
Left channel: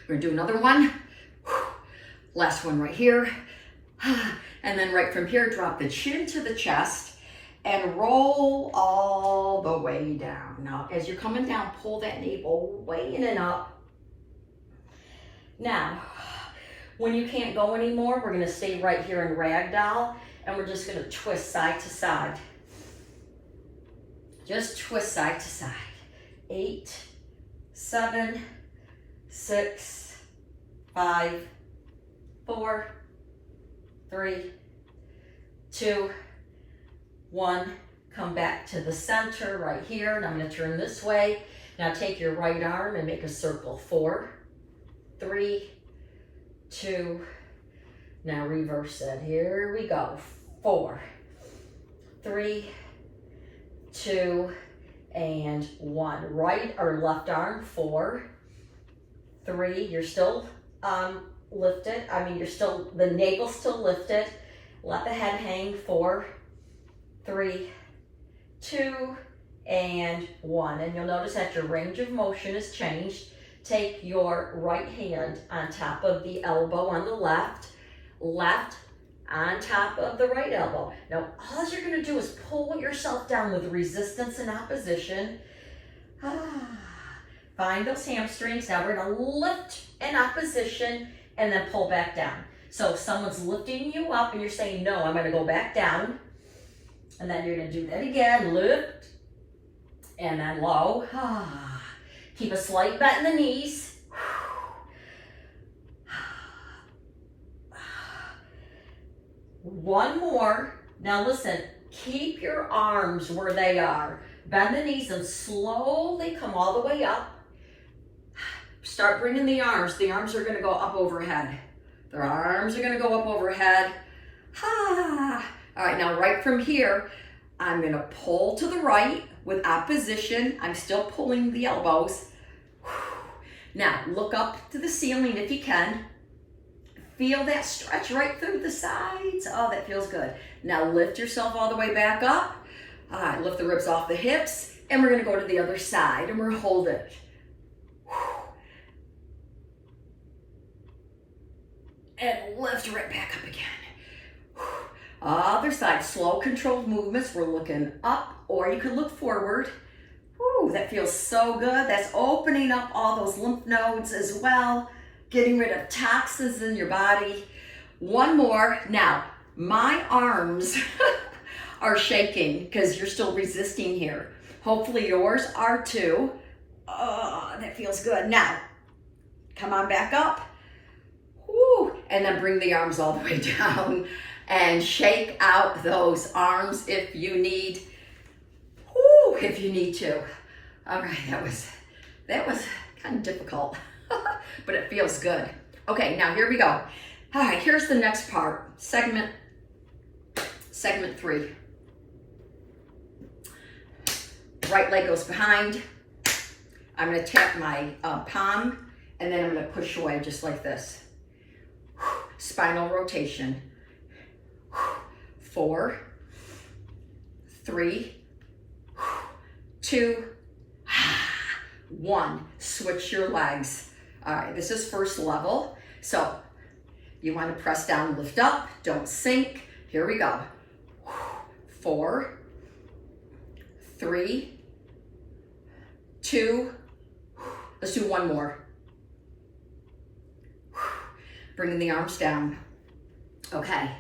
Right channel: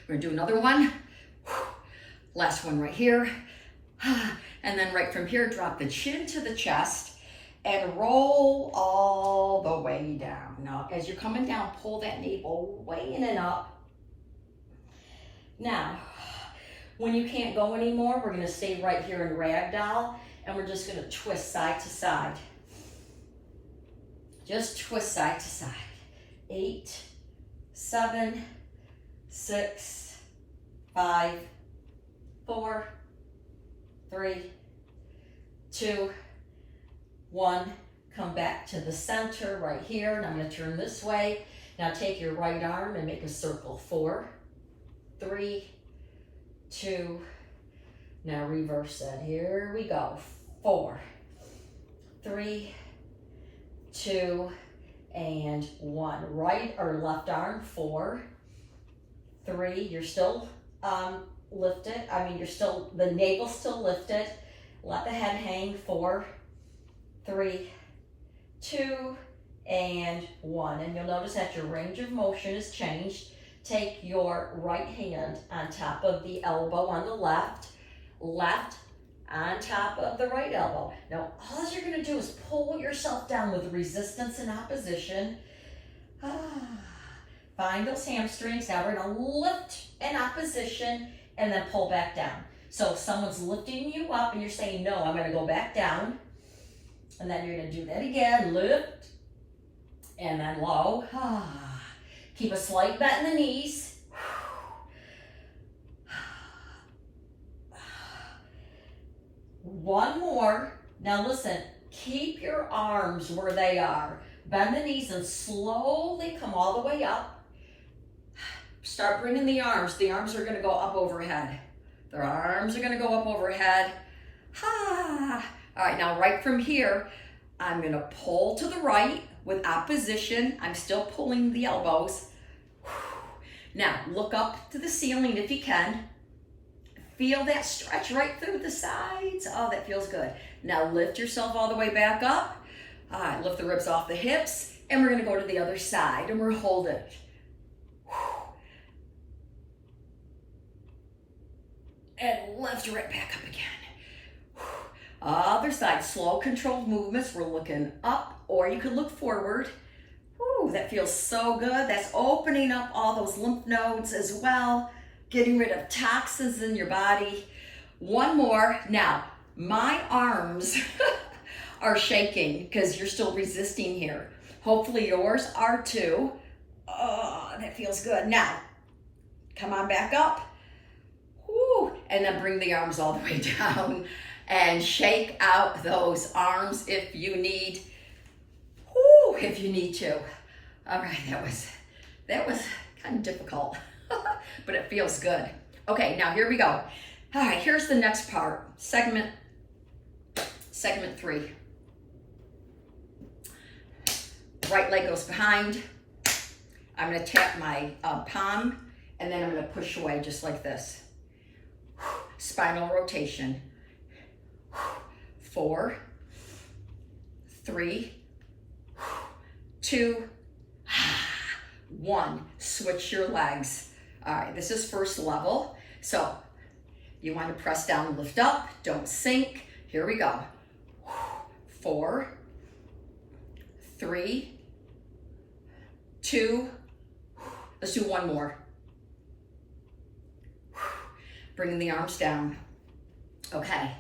We're gonna do another one. Last one right here. And then right from here, drop the chin to the chest and roll all the way down. Now, as you're coming down, pull that navel way in and up. Now, when you can't go anymore, we're gonna stay right here in ragdoll, and we're just gonna twist side to side. Just twist side to side. 8, 7, 6, 5, 4, 3, 2, 1. Come back to the center right here. Now I'm gonna turn this way. Now take your right arm and make a circle. 4, 3, 2. Now reverse that. Here we go. 4, 3, 2, and 1. Right or left arm. 4, 3. You're still lifted. The navel's still lifted. Let the head hang. 4, 3, 2, and 1. And you'll notice that your range of motion has changed. Take your right hand on top of the elbow on the left on top of the right elbow. Now, all you're gonna do is pull yourself down with resistance and opposition. Find those hamstrings. Now we're gonna lift in opposition and then pull back down. So if someone's lifting you up and you're saying, no, I'm gonna go back down. And then you're gonna do that again, lift, and then low. Keep a slight bend in the knees. One more. Now listen, keep your arms where they are. Bend the knees and slowly come all the way up. Start bringing the arms. The arms are gonna go up overhead. Their arms are gonna go up overhead. All right, now right from here, I'm gonna pull to the right with opposition. I'm still pulling the elbows. Now look up to the ceiling if you can. Feel that stretch right through the sides. Oh, that feels good. Now lift yourself all the way back up. All right, lift the ribs off the hips, and we're gonna go to the other side, and we're gonna hold it. And lift right back up again. Other side, slow controlled movements. We're looking up, or you could look forward. Whew, that feels so good. That's opening up all those lymph nodes as well, getting rid of toxins in your body. One more. Now, my arms are shaking because you're still resisting here. Hopefully yours are too. Oh, that feels good. Now, come on back up. Whew, and then bring the arms all the way down and shake out those arms if you need. Whew, if you need to. All right, that was kind of difficult, but it feels good. Okay, now here we go. All right, here's the next part, segment 3. Right leg goes behind. I'm gonna tap my palm, and then I'm gonna push away just like this. Spinal rotation. 4, 3, 2, 1. Switch your legs. All right, this is first level. So you want to press down, lift up, don't sink. Here we go. 4, 3, 2. Let's do one more. Bringing the arms down. Okay.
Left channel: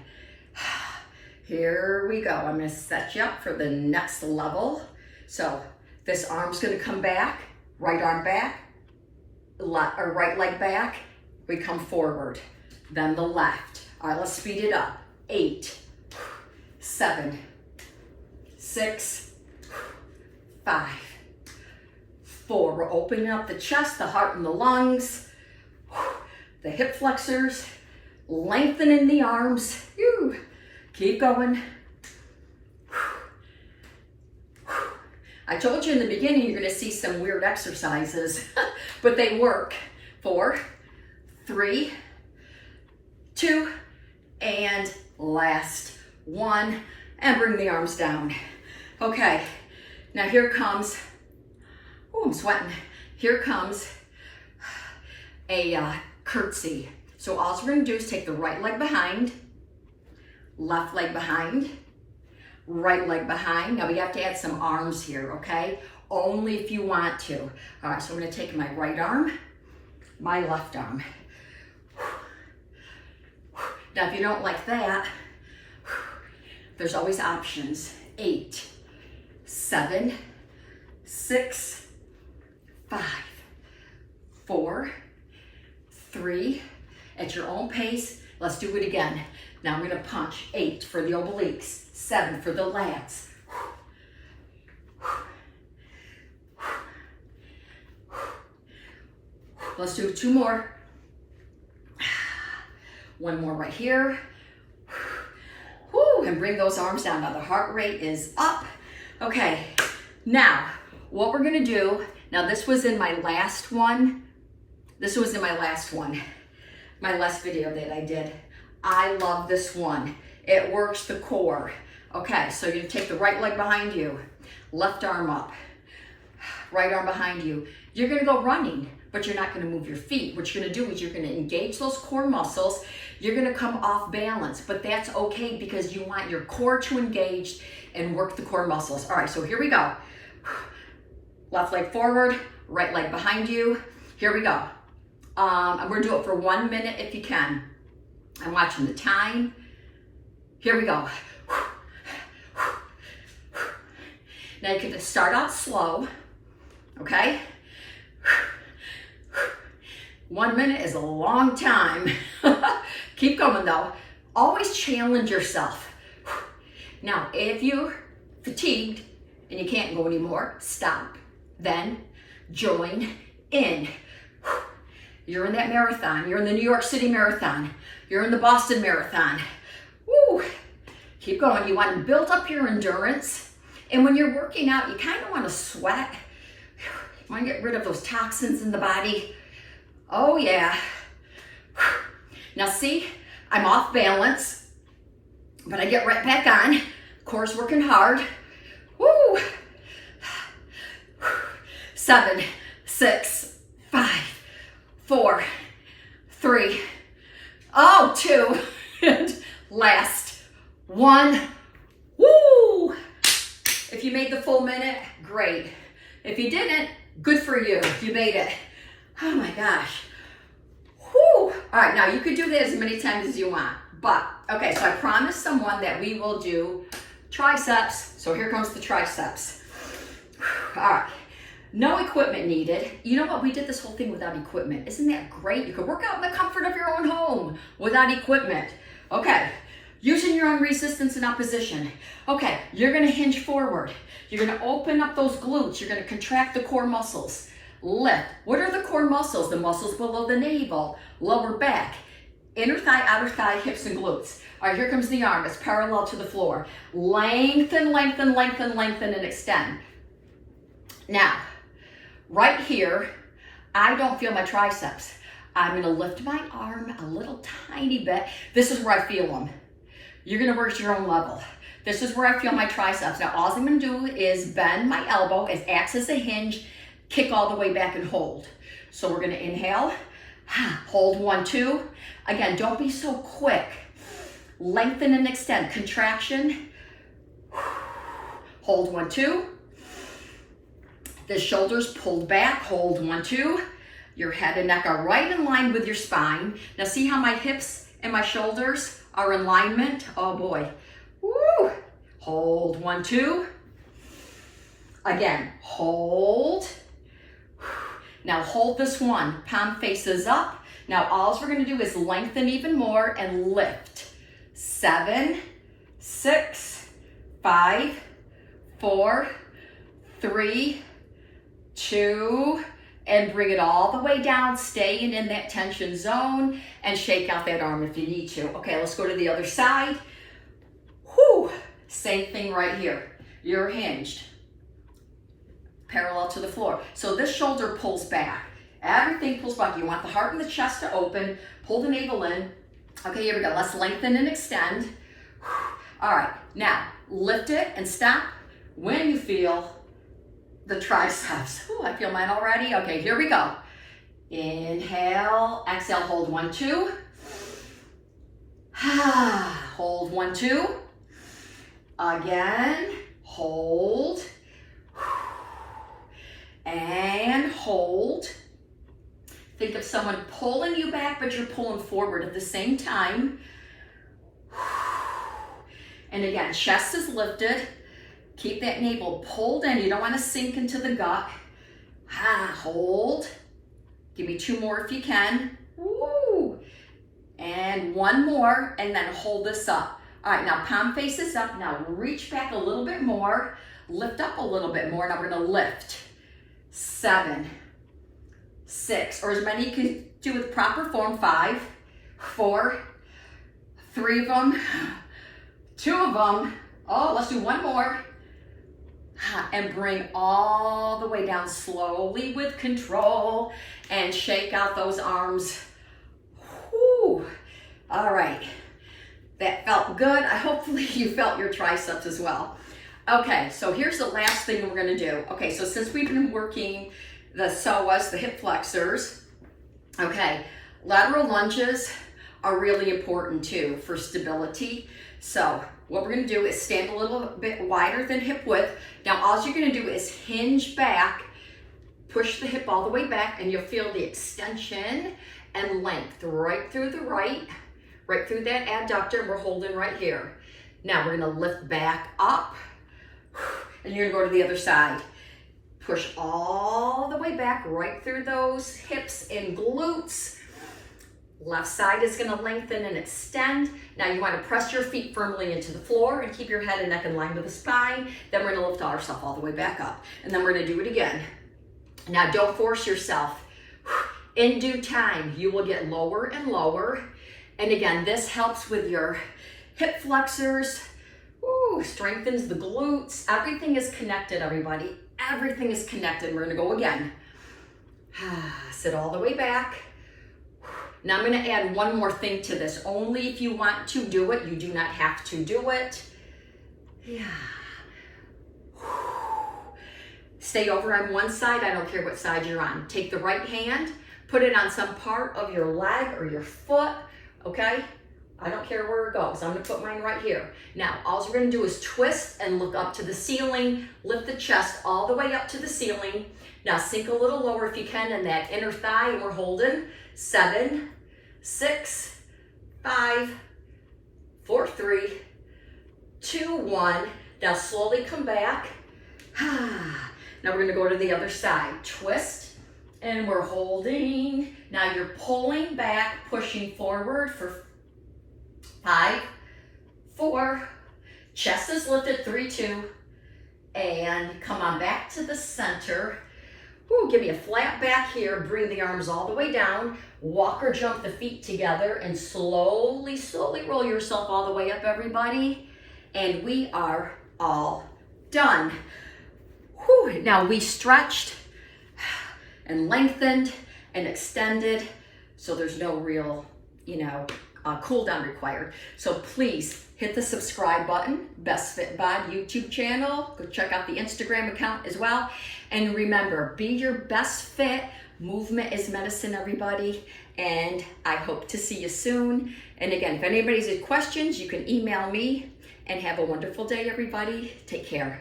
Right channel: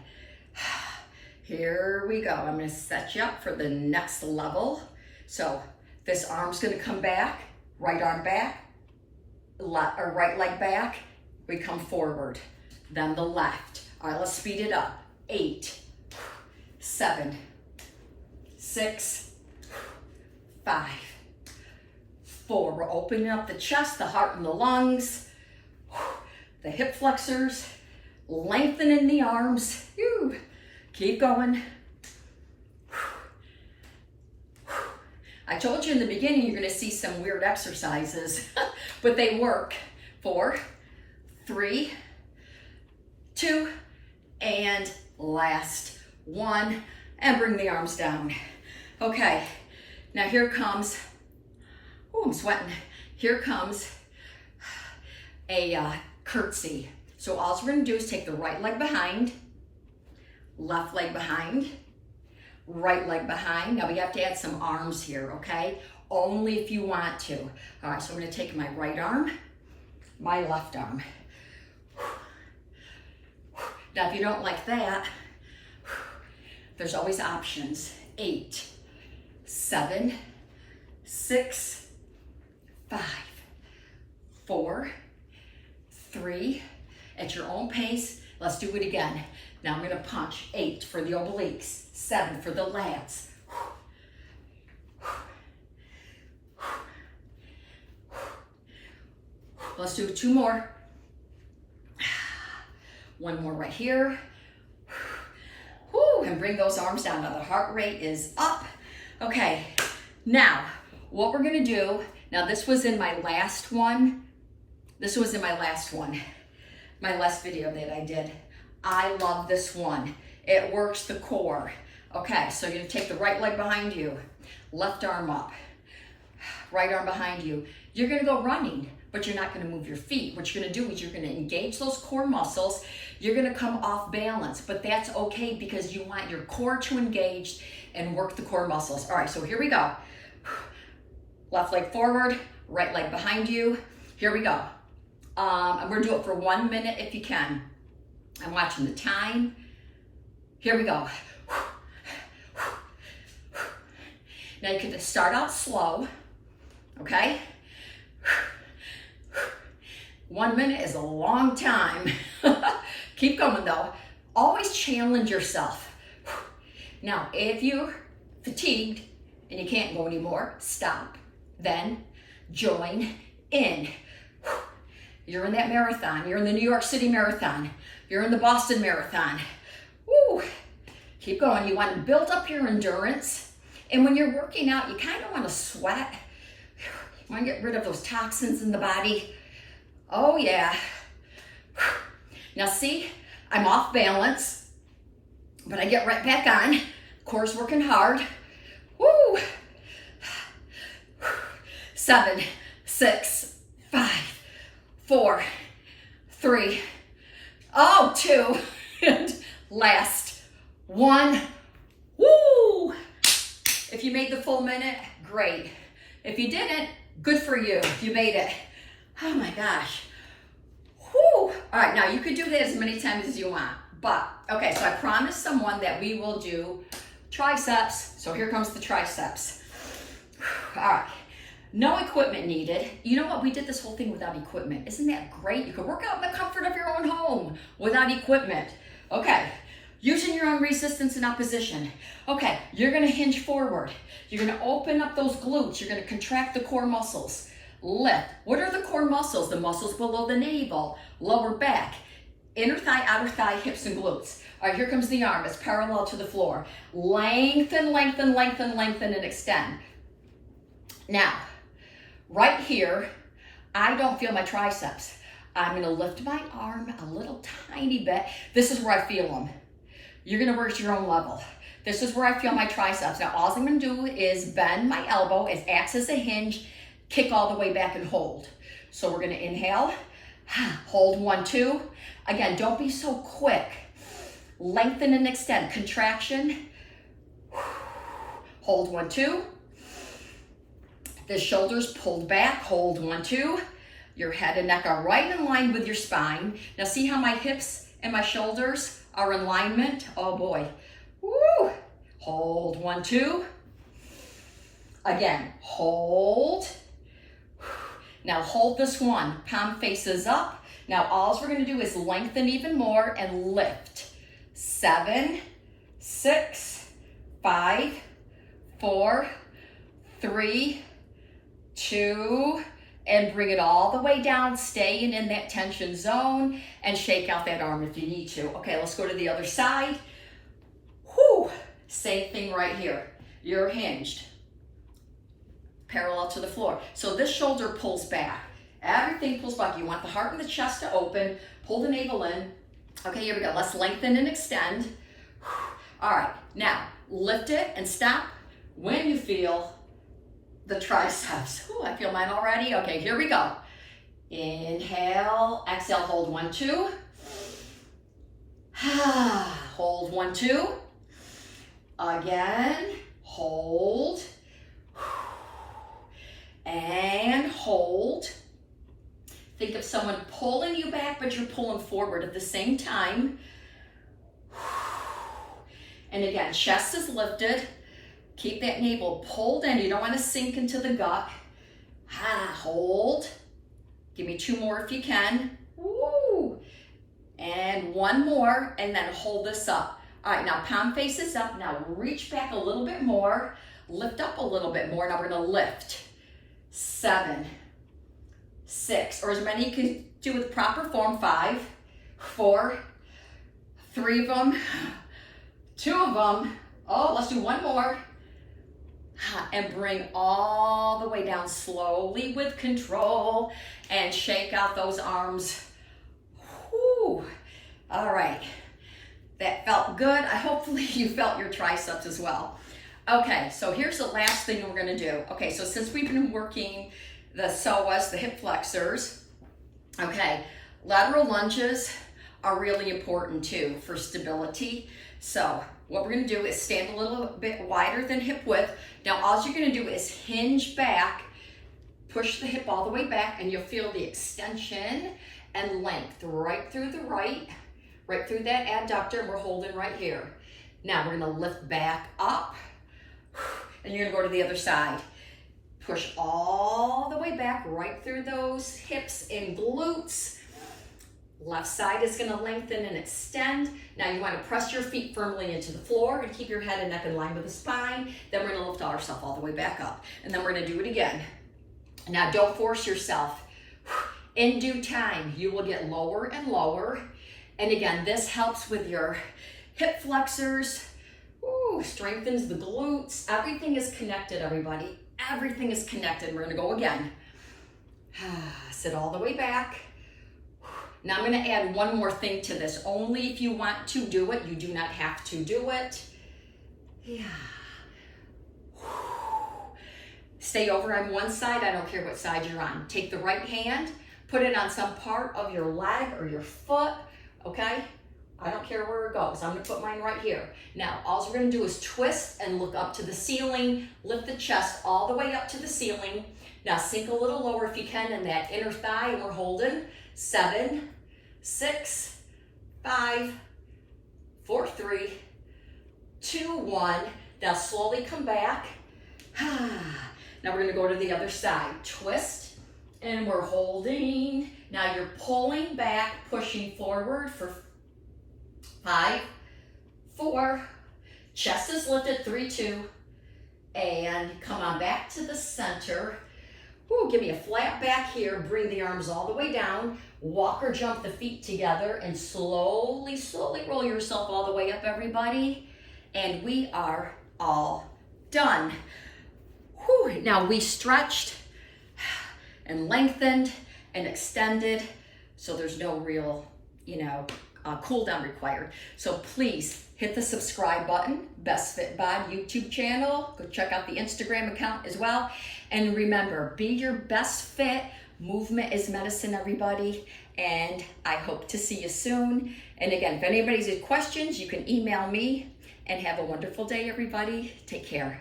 Here we go. I'm going to set you up for the next level. So this arm's going to come back, right arm back, or right leg back. We come forward, then the left. All right, let's speed it up. 8, 7, 6, 5, 4. We're opening up the chest, the heart, and the lungs. The hip flexors. Lengthening the arms. Keep going. I told you in the beginning you're going to see some weird exercises, but they work. 4, 3, 2, and last 1, and bring the arms down. Okay, now here comes, I'm sweating. Here comes a curtsy. So all we're going to do is take the right leg behind, left leg behind, right leg behind. Now we have to add some arms here, okay? Only if you want to. All right, so I'm going to take my right arm, my left arm. Now if you don't like that, there's always options. 8, 7, 6, 5, 4, 3, at your own pace. Let's do it again. Now I'm going to punch. 8 for the obliques, 7 for the lats. Let's do 2 more. 1 more right here. And bring those arms down. Now the heart rate is up. Okay, now what we're gonna do, now this was in my last one. This was in my last one, my last video that I did. I love this one. It works the core. Okay, so you're gonna take the right leg behind you, left arm up, right arm behind you. You're gonna go running, but you're not gonna move your feet. What you're gonna do is you're gonna engage those core muscles. You're gonna come off balance, but that's okay because you want your core to engage and work the core muscles. All right, so here we go. Left leg forward, right leg behind you. Here we go. I'm gonna do it for 1 minute if you can. I'm watching the time. Here we go. Now you can start out slow, okay? 1 minute is a long time. Keep going though. Always challenge yourself. Now, if you're fatigued and you can't go anymore, stop. Then join in. You're in that marathon. You're in the New York City Marathon. You're in the Boston Marathon. Woo. Keep going. You want to build up your endurance. And when you're working out, you kind of want to sweat. You want to get rid of those toxins in the body. Oh yeah. Now see, I'm off balance, but I get right back on. Core's working hard. Woo. 7, 6, 5, 4, 3, 2, and last 1. Woo! If you made the full minute, great. If you didn't, good for you. You made it. Oh my gosh. Whew. All right, now you could do this as many times as you want, but okay, so I promised someone that we will do triceps, so here comes the triceps. All right, no equipment needed. You know what, we did this whole thing without equipment. Isn't that great? You could work out in the comfort of your own home without equipment. Okay, using your own resistance and opposition. Okay, you're gonna hinge forward. You're gonna open up those glutes. You're gonna contract the core muscles. Lift. What are the core muscles? The muscles below the navel, lower back, inner thigh, outer thigh, hips, and glutes. All right, here comes the arm. It's parallel to the floor. Lengthen, lengthen, lengthen, lengthen, and extend. Now, right here, I don't feel my triceps. I'm gonna lift my arm a little tiny bit. This is where I feel them. You're gonna work at your own level. This is where I feel my triceps. Now, all I'm gonna do is bend my elbow. It acts as a hinge. Kick all the way back and hold. So we're gonna inhale, hold 1, 2. Again, don't be so quick. Lengthen and extend, contraction. Hold 1, 2. The shoulders pulled back, hold 1, 2. Your head and neck are right in line with your spine. Now see how my hips and my shoulders are in alignment? Oh boy. Woo. Hold 1, 2. Again, hold. Now hold this one, palm faces up. Now all we're gonna do is lengthen even more and lift. 7, 6, 5, 4, 3, 2, and bring it all the way down, staying in that tension zone, and shake out that arm if you need to. Okay, let's go to the other side. Whew, same thing right here. You're hinged, parallel to the floor. So this shoulder pulls back. Everything pulls back. You want the heart and the chest to open. Pull the navel in. Okay, here we go. Let's lengthen and extend. All right, now lift it and stop when you feel the triceps. Ooh, I feel mine already. Okay, here we go. Inhale, exhale, hold 1, 2. Hold 1, 2. Again, hold. And hold. Think of someone pulling you back, but you're pulling forward at the same time. And again, chest is lifted. Keep that navel pulled in. You don't want to sink into the gut. Hold. Give me 2 more if you can. Woo. And 1 more, and then hold this up. All right, now palm faces up. Now reach back a little bit more. Lift up a little bit more. Now we're going to lift. 7, 6, or as many you can do with proper form. 5, 4, 3 of them, 2 of them. Oh, let's do 1 more. And bring all the way down slowly with control and shake out those arms. Whew. All right, that felt good. Hopefully you felt your triceps as well. Okay, so here's the last thing we're gonna do. Okay, so since we've been working the psoas, the hip flexors, okay, lateral lunges are really important too for stability. So what we're gonna do is stand a little bit wider than hip width. Now all you're gonna do is hinge back, push the hip all the way back, and you'll feel the extension and length right through the right through that adductor. We're holding right here. Now we're gonna lift back up, and you're gonna go to the other side. Push all the way back right through those hips and glutes. Left side is gonna lengthen and extend. Now you wanna press your feet firmly into the floor and keep your head and neck in line with the spine. Then we're gonna lift ourselves all the way back up. And then we're gonna do it again. Now don't force yourself. In due time, you will get lower and lower. And again, this helps with your hip flexors. Ooh, strengthens the glutes. Everything is connected, everybody. Everything is connected. We're gonna go again. Sit all the way back. Now I'm gonna add 1 more thing to this. Only if you want to do it. You do not have to do it. Yeah. Stay over on one side. I don't care what side you're on. Take the right hand, put it on some part of your leg or your foot, okay? I don't care where it goes. I'm gonna put mine right here. Now, all we're gonna do is twist and look up to the ceiling, lift the chest all the way up to the ceiling. Now sink a little lower if you can in that inner thigh, and we're holding. 7, 6, 5, 4, 3, 2, 1. Now slowly come back. Now we're gonna go to the other side. Twist, and we're holding. Now you're pulling back, pushing forward for 5, 4, chest is lifted, 3, 2, and come on back to the center. Ooh, give me a flat back here, bring the arms all the way down, walk or jump the feet together, and slowly, slowly roll yourself all the way up, everybody. And we are all done. Whew. Now we stretched and lengthened and extended, so there's no real, cool down required. So please hit the subscribe button, Bestfit Bod YouTube channel. Go check out the Instagram account as well. And remember, be your best fit. Movement is medicine, everybody. And I hope to see you soon. And again, if anybody's has questions, you can email me. And have a wonderful day, everybody. Take care.